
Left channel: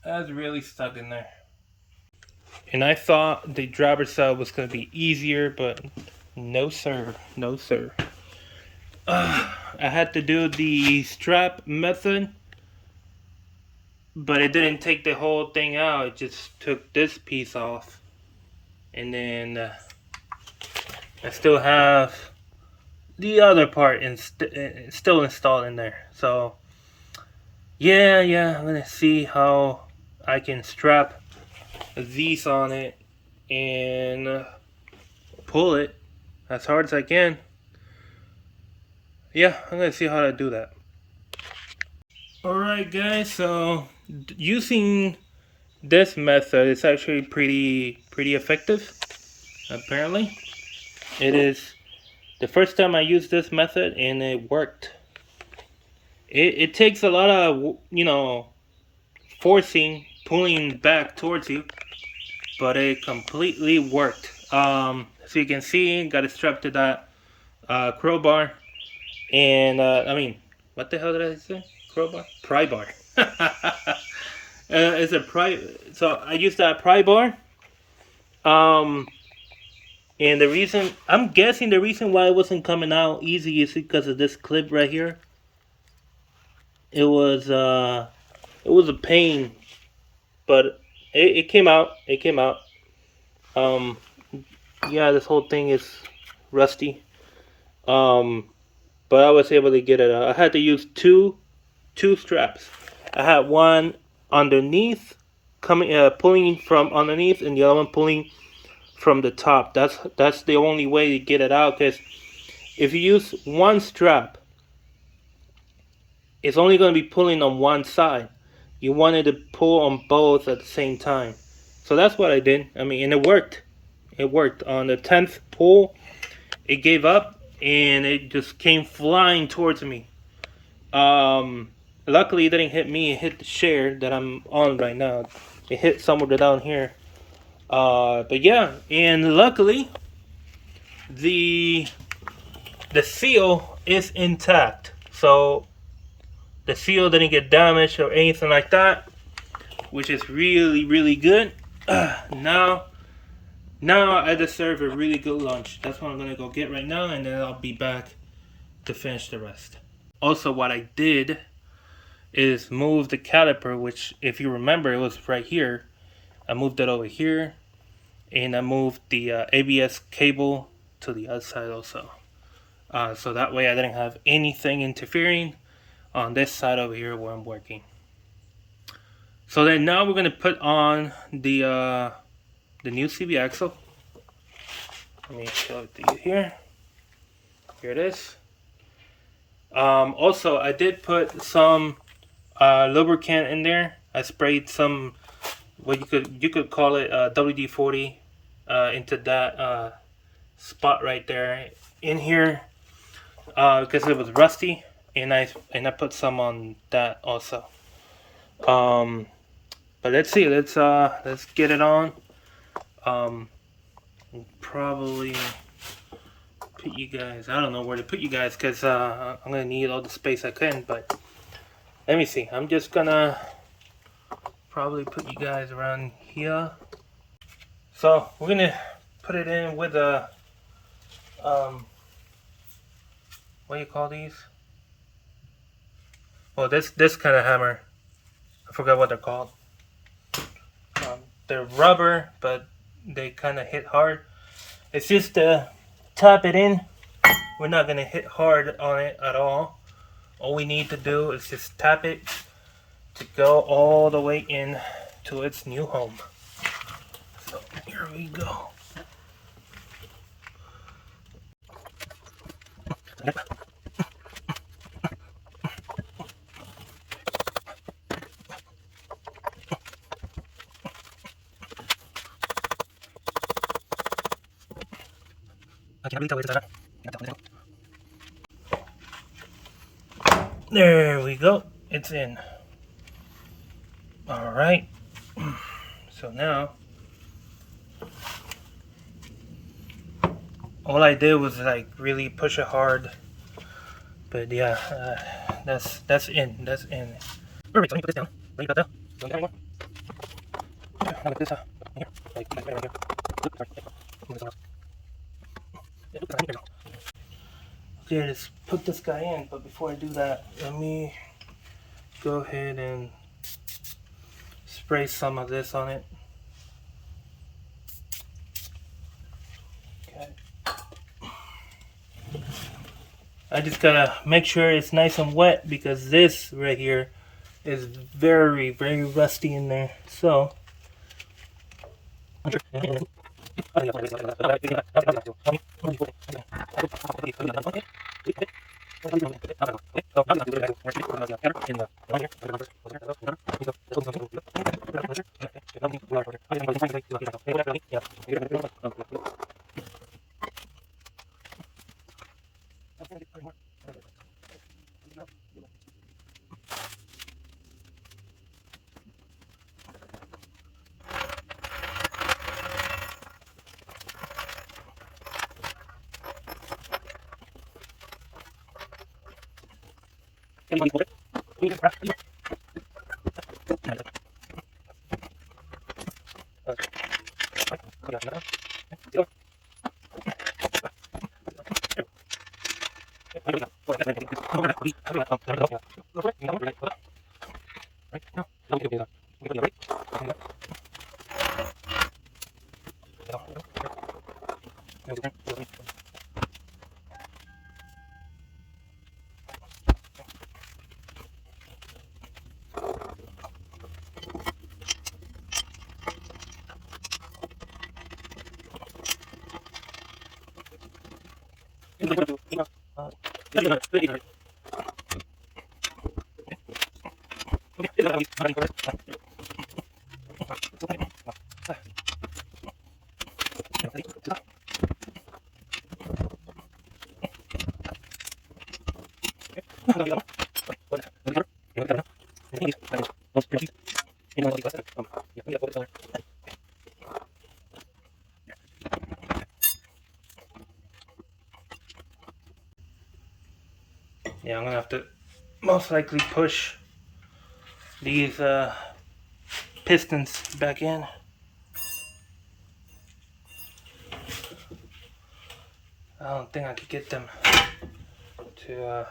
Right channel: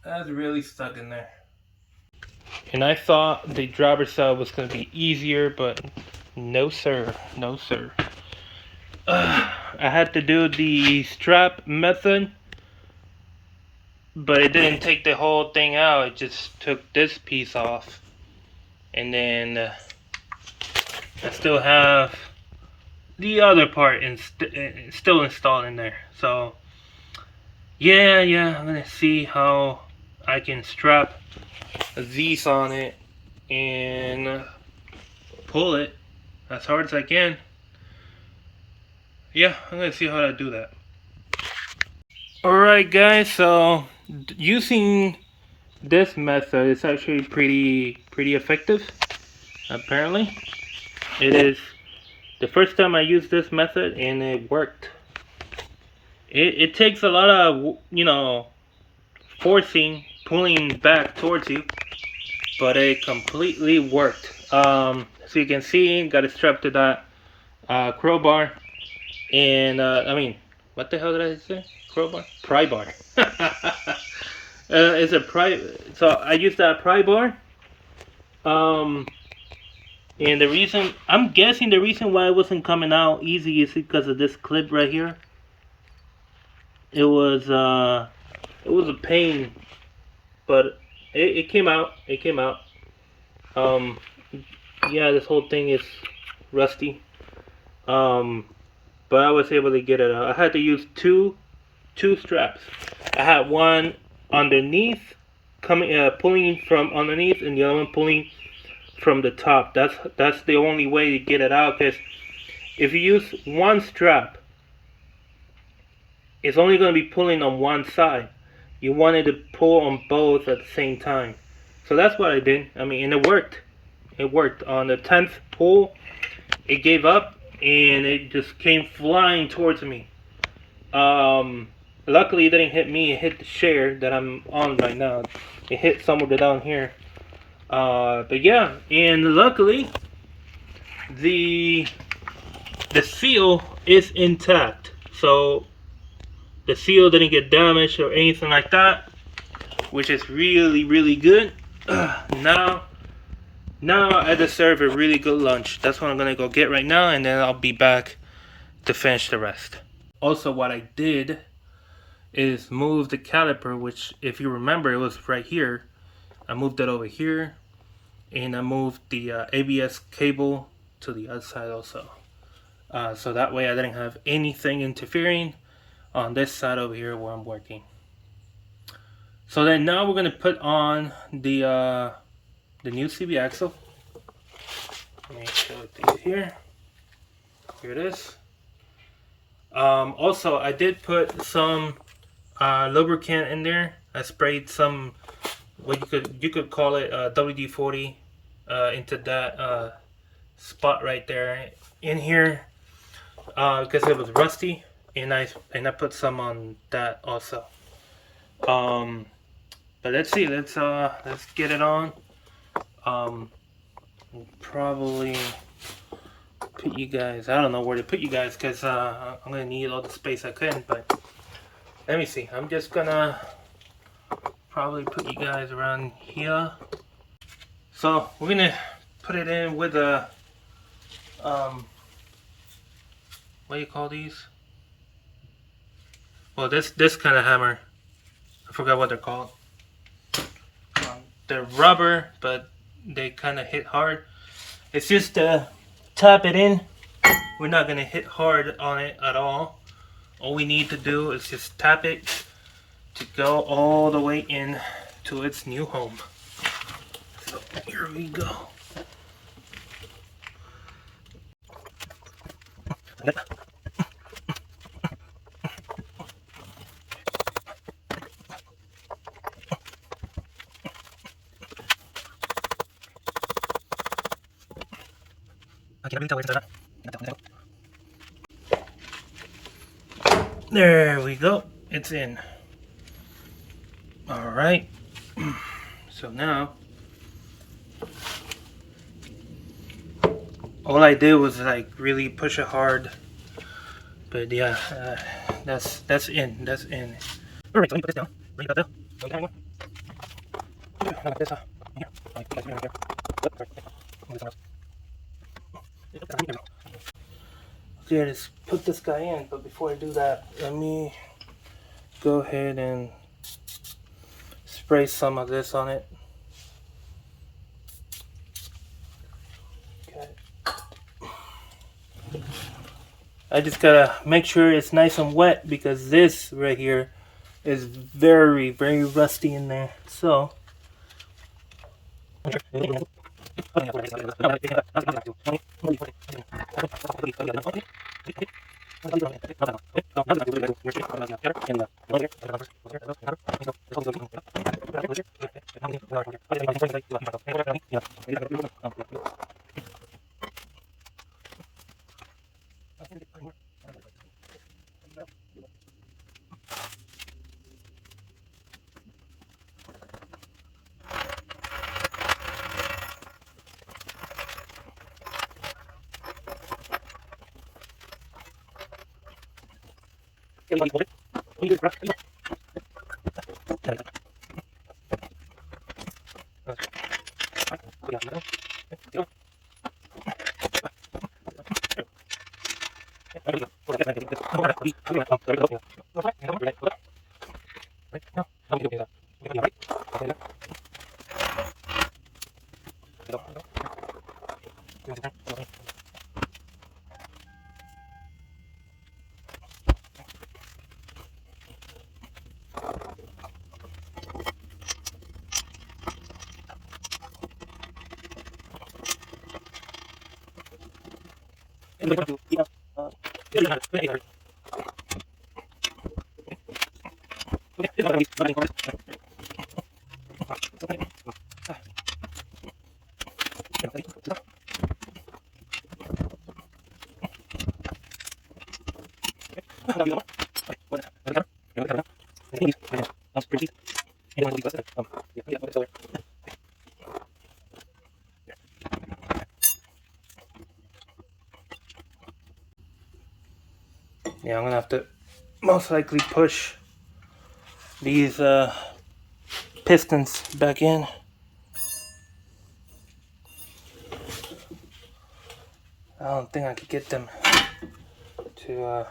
I was really stuck in there. And I thought the driver's side was going to be easier, but no sir, no sir. I had to do the strap method, but it didn't take the whole thing out. It just took this piece off. And then I still have the other part still installed in there. So yeah, I'm gonna see how I can strap these on it and pull it as hard as I can. Yeah, I'm gonna see how to do that. Alright guys, so using this method is actually pretty effective. Apparently it is the first time I used this method and it worked. It takes a lot of, you know, forcing, pulling back towards you, but it completely worked. So you can see, got it strapped to that crowbar, and I mean, what the hell did I say? Crowbar? Pry bar. It's a pry. So I used that pry bar. Um, and the reason, I'm guessing the reason why it wasn't coming out easy is because of this clip right here. It was a pain, but it came out. It came out. Um, yeah, this whole thing is rusty. Um, but I was able to get it out. I had to use two straps. I had one underneath, coming pulling from underneath, and the other one pulling from the top. That's the only way to get it out. Because if you use one strap, it's only going to be pulling on one side. You wanted to pull on both at the same time. So that's what I did. I mean, and it worked. It worked. On the 10th pull, it gave up and it just came flying towards me. Luckily, it didn't hit me. It hit the chair that I'm on right now. It hit somewhere down here. But yeah, and luckily, the seal is intact. So the seal didn't get damaged or anything like that, which is really good. Now I deserve a really good lunch. That's what I'm gonna go get right now, and then I'll be back to finish the rest. Also, what I did is move the caliper, which, if you remember, it was right here. I moved it over here, and I moved the ABS cable to the other side also. So that way I didn't have anything interfering on this side over here where I'm working. So then now we're gonna put on the new CV axle. Let me show it to you here. Here it is. Also, I did put some lubricant in there. I sprayed some, what you could call it, WD-40 into that spot right there in here because it was rusty, and I put some on that also. But let's see, let's get it on. Probably put you guys. I don't know where to put you guys because I'm gonna need all the space I can. But let me see. I'm just gonna probably put you guys around here. So we're gonna put it in with a what do you call these? Well, this kind of hammer. I forgot what they're called. They're rubber, but they kind of hit hard. It's just to tap it in. We're not gonna hit hard on it at all. All we need to do is just tap it to go all the way in to its new home. So here we go. There we go. It's in. All right. So now, all I did was like really push it hard. But yeah, that's in. That's in. Alright, so let me put this down. Where you got that? Don't got anymore. Now like this, here. Like you guys right here. Oops, sorry. Move this one else. Okay, let's put this guy in. But before I do that, let me go ahead and spray some of this on it. Okay. I just gotta make sure it's nice and wet because this right here is very, very rusty in there. So yeah, I'm gonna have to most likely push these pistons back in. I don't think I could get them to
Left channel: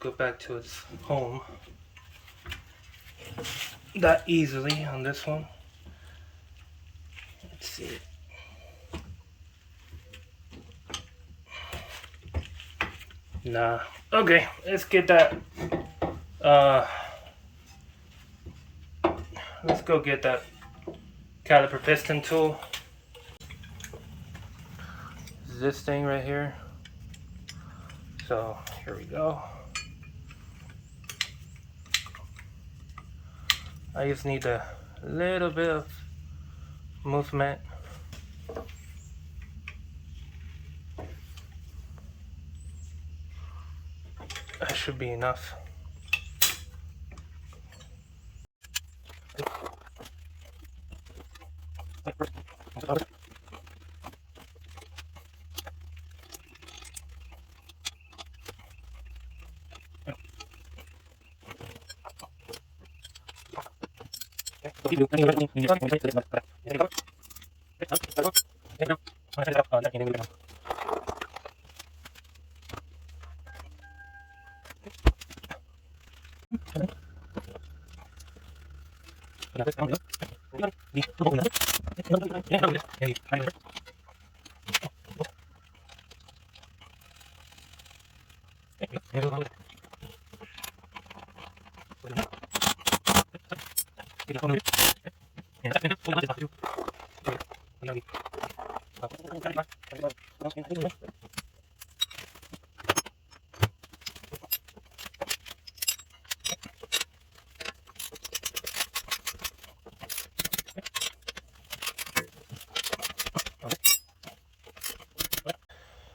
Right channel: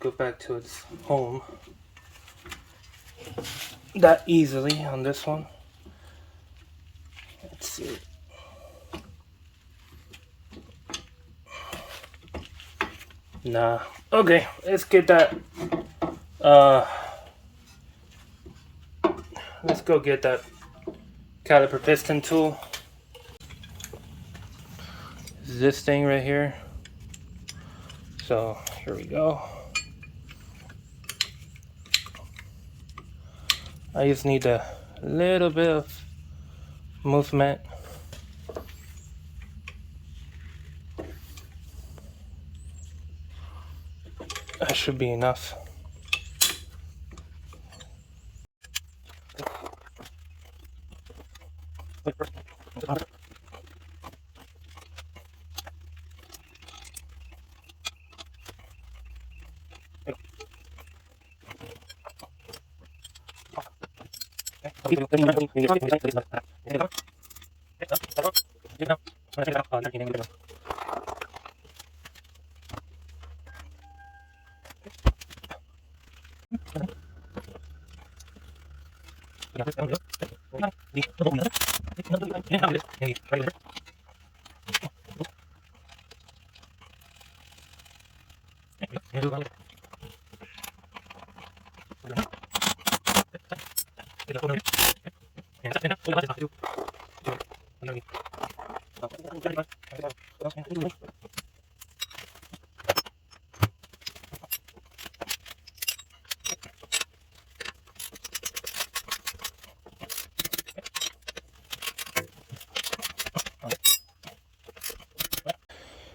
go back to its home that easily on this one. Let's see. Nah. Okay, let's get that. Let's go get that caliper piston tool. This thing right here. So Here we go. I just need a little bit of movement. That should be enough.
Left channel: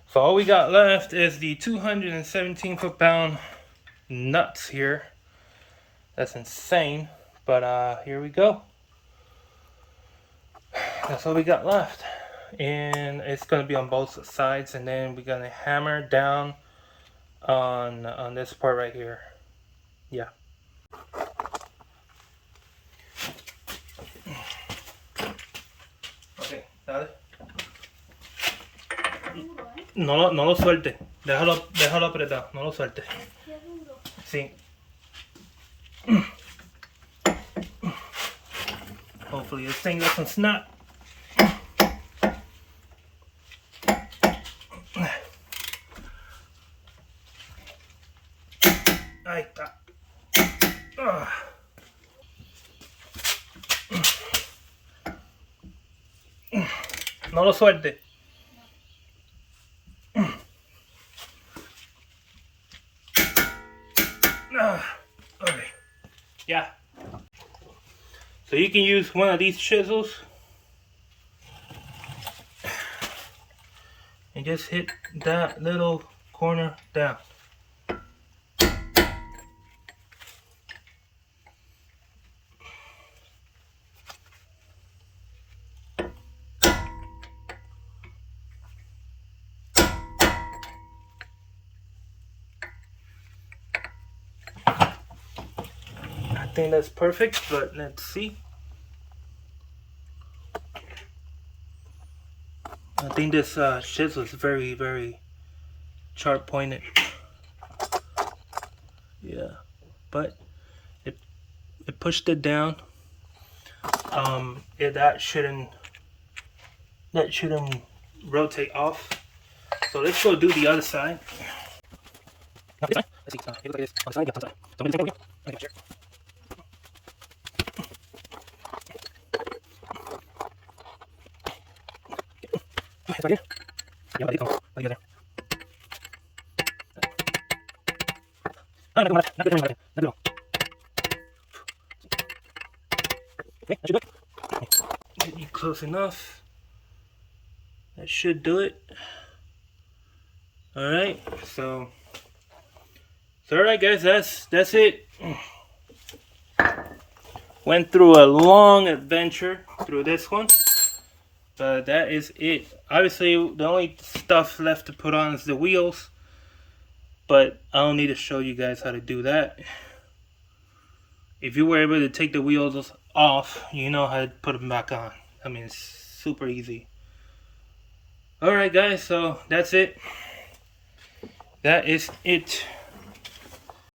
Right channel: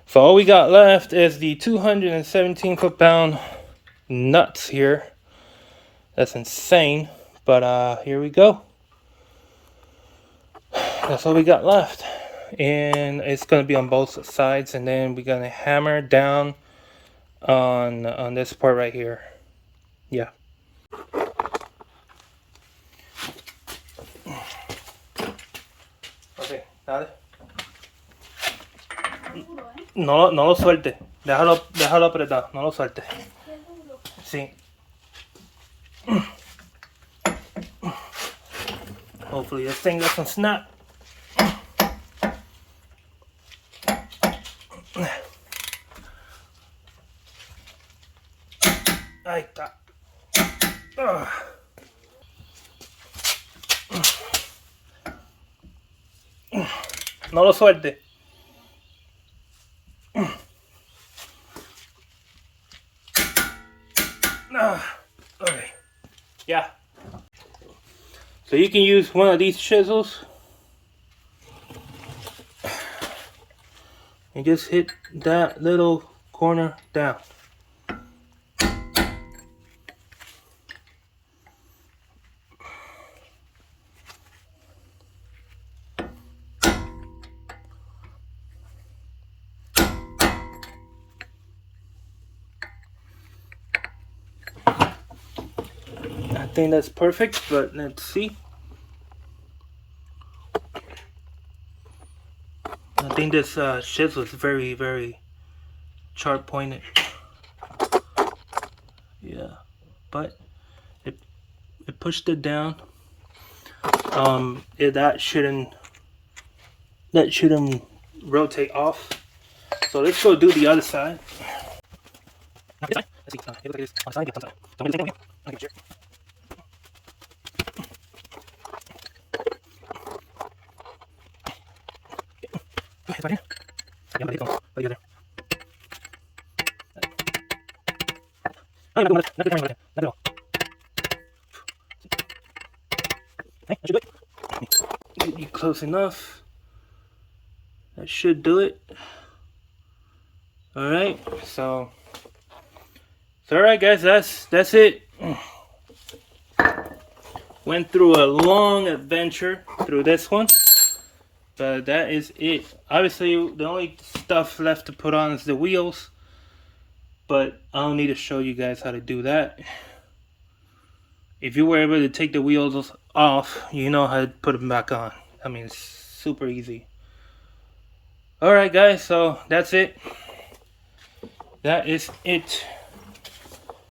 So all we got left is the 217 foot-pound nuts here. That's insane, but here we go. That's all we got left, and it's gonna be on both sides, and then we're gonna hammer down on this part right here. Yeah. Okay, dale. No lo suelte. Déjalo apretado. No lo suelte. Sí. Hopefully this thing doesn't snap. Ahí está. No lo suelte. Okay. Yeah. So you can use one of these chisels and just hit that little corner down. I think that's perfect, but let's see. I think this chisel is very, very sharp pointed. Yeah, but it pushed it down. That shouldn't rotate off. So let's go do the other side. Let's see. Look at this on the side. Yeah, on the side. Don't really take it. Okay, sure. ¿Está bien? Ya, maldito. Ahí viene. Ay, no, no, hey, that should do it. Close enough. That should do it. Alright, so alright guys, that's it. Went through a long adventure through this one. But that is it. Obviously, the only stuff left to put on is the wheels. But I don't need to show you guys how to do that. If you were able to take the wheels off, you know how to put them back on. I mean, it's super easy. Alright guys, so that's it. That is it.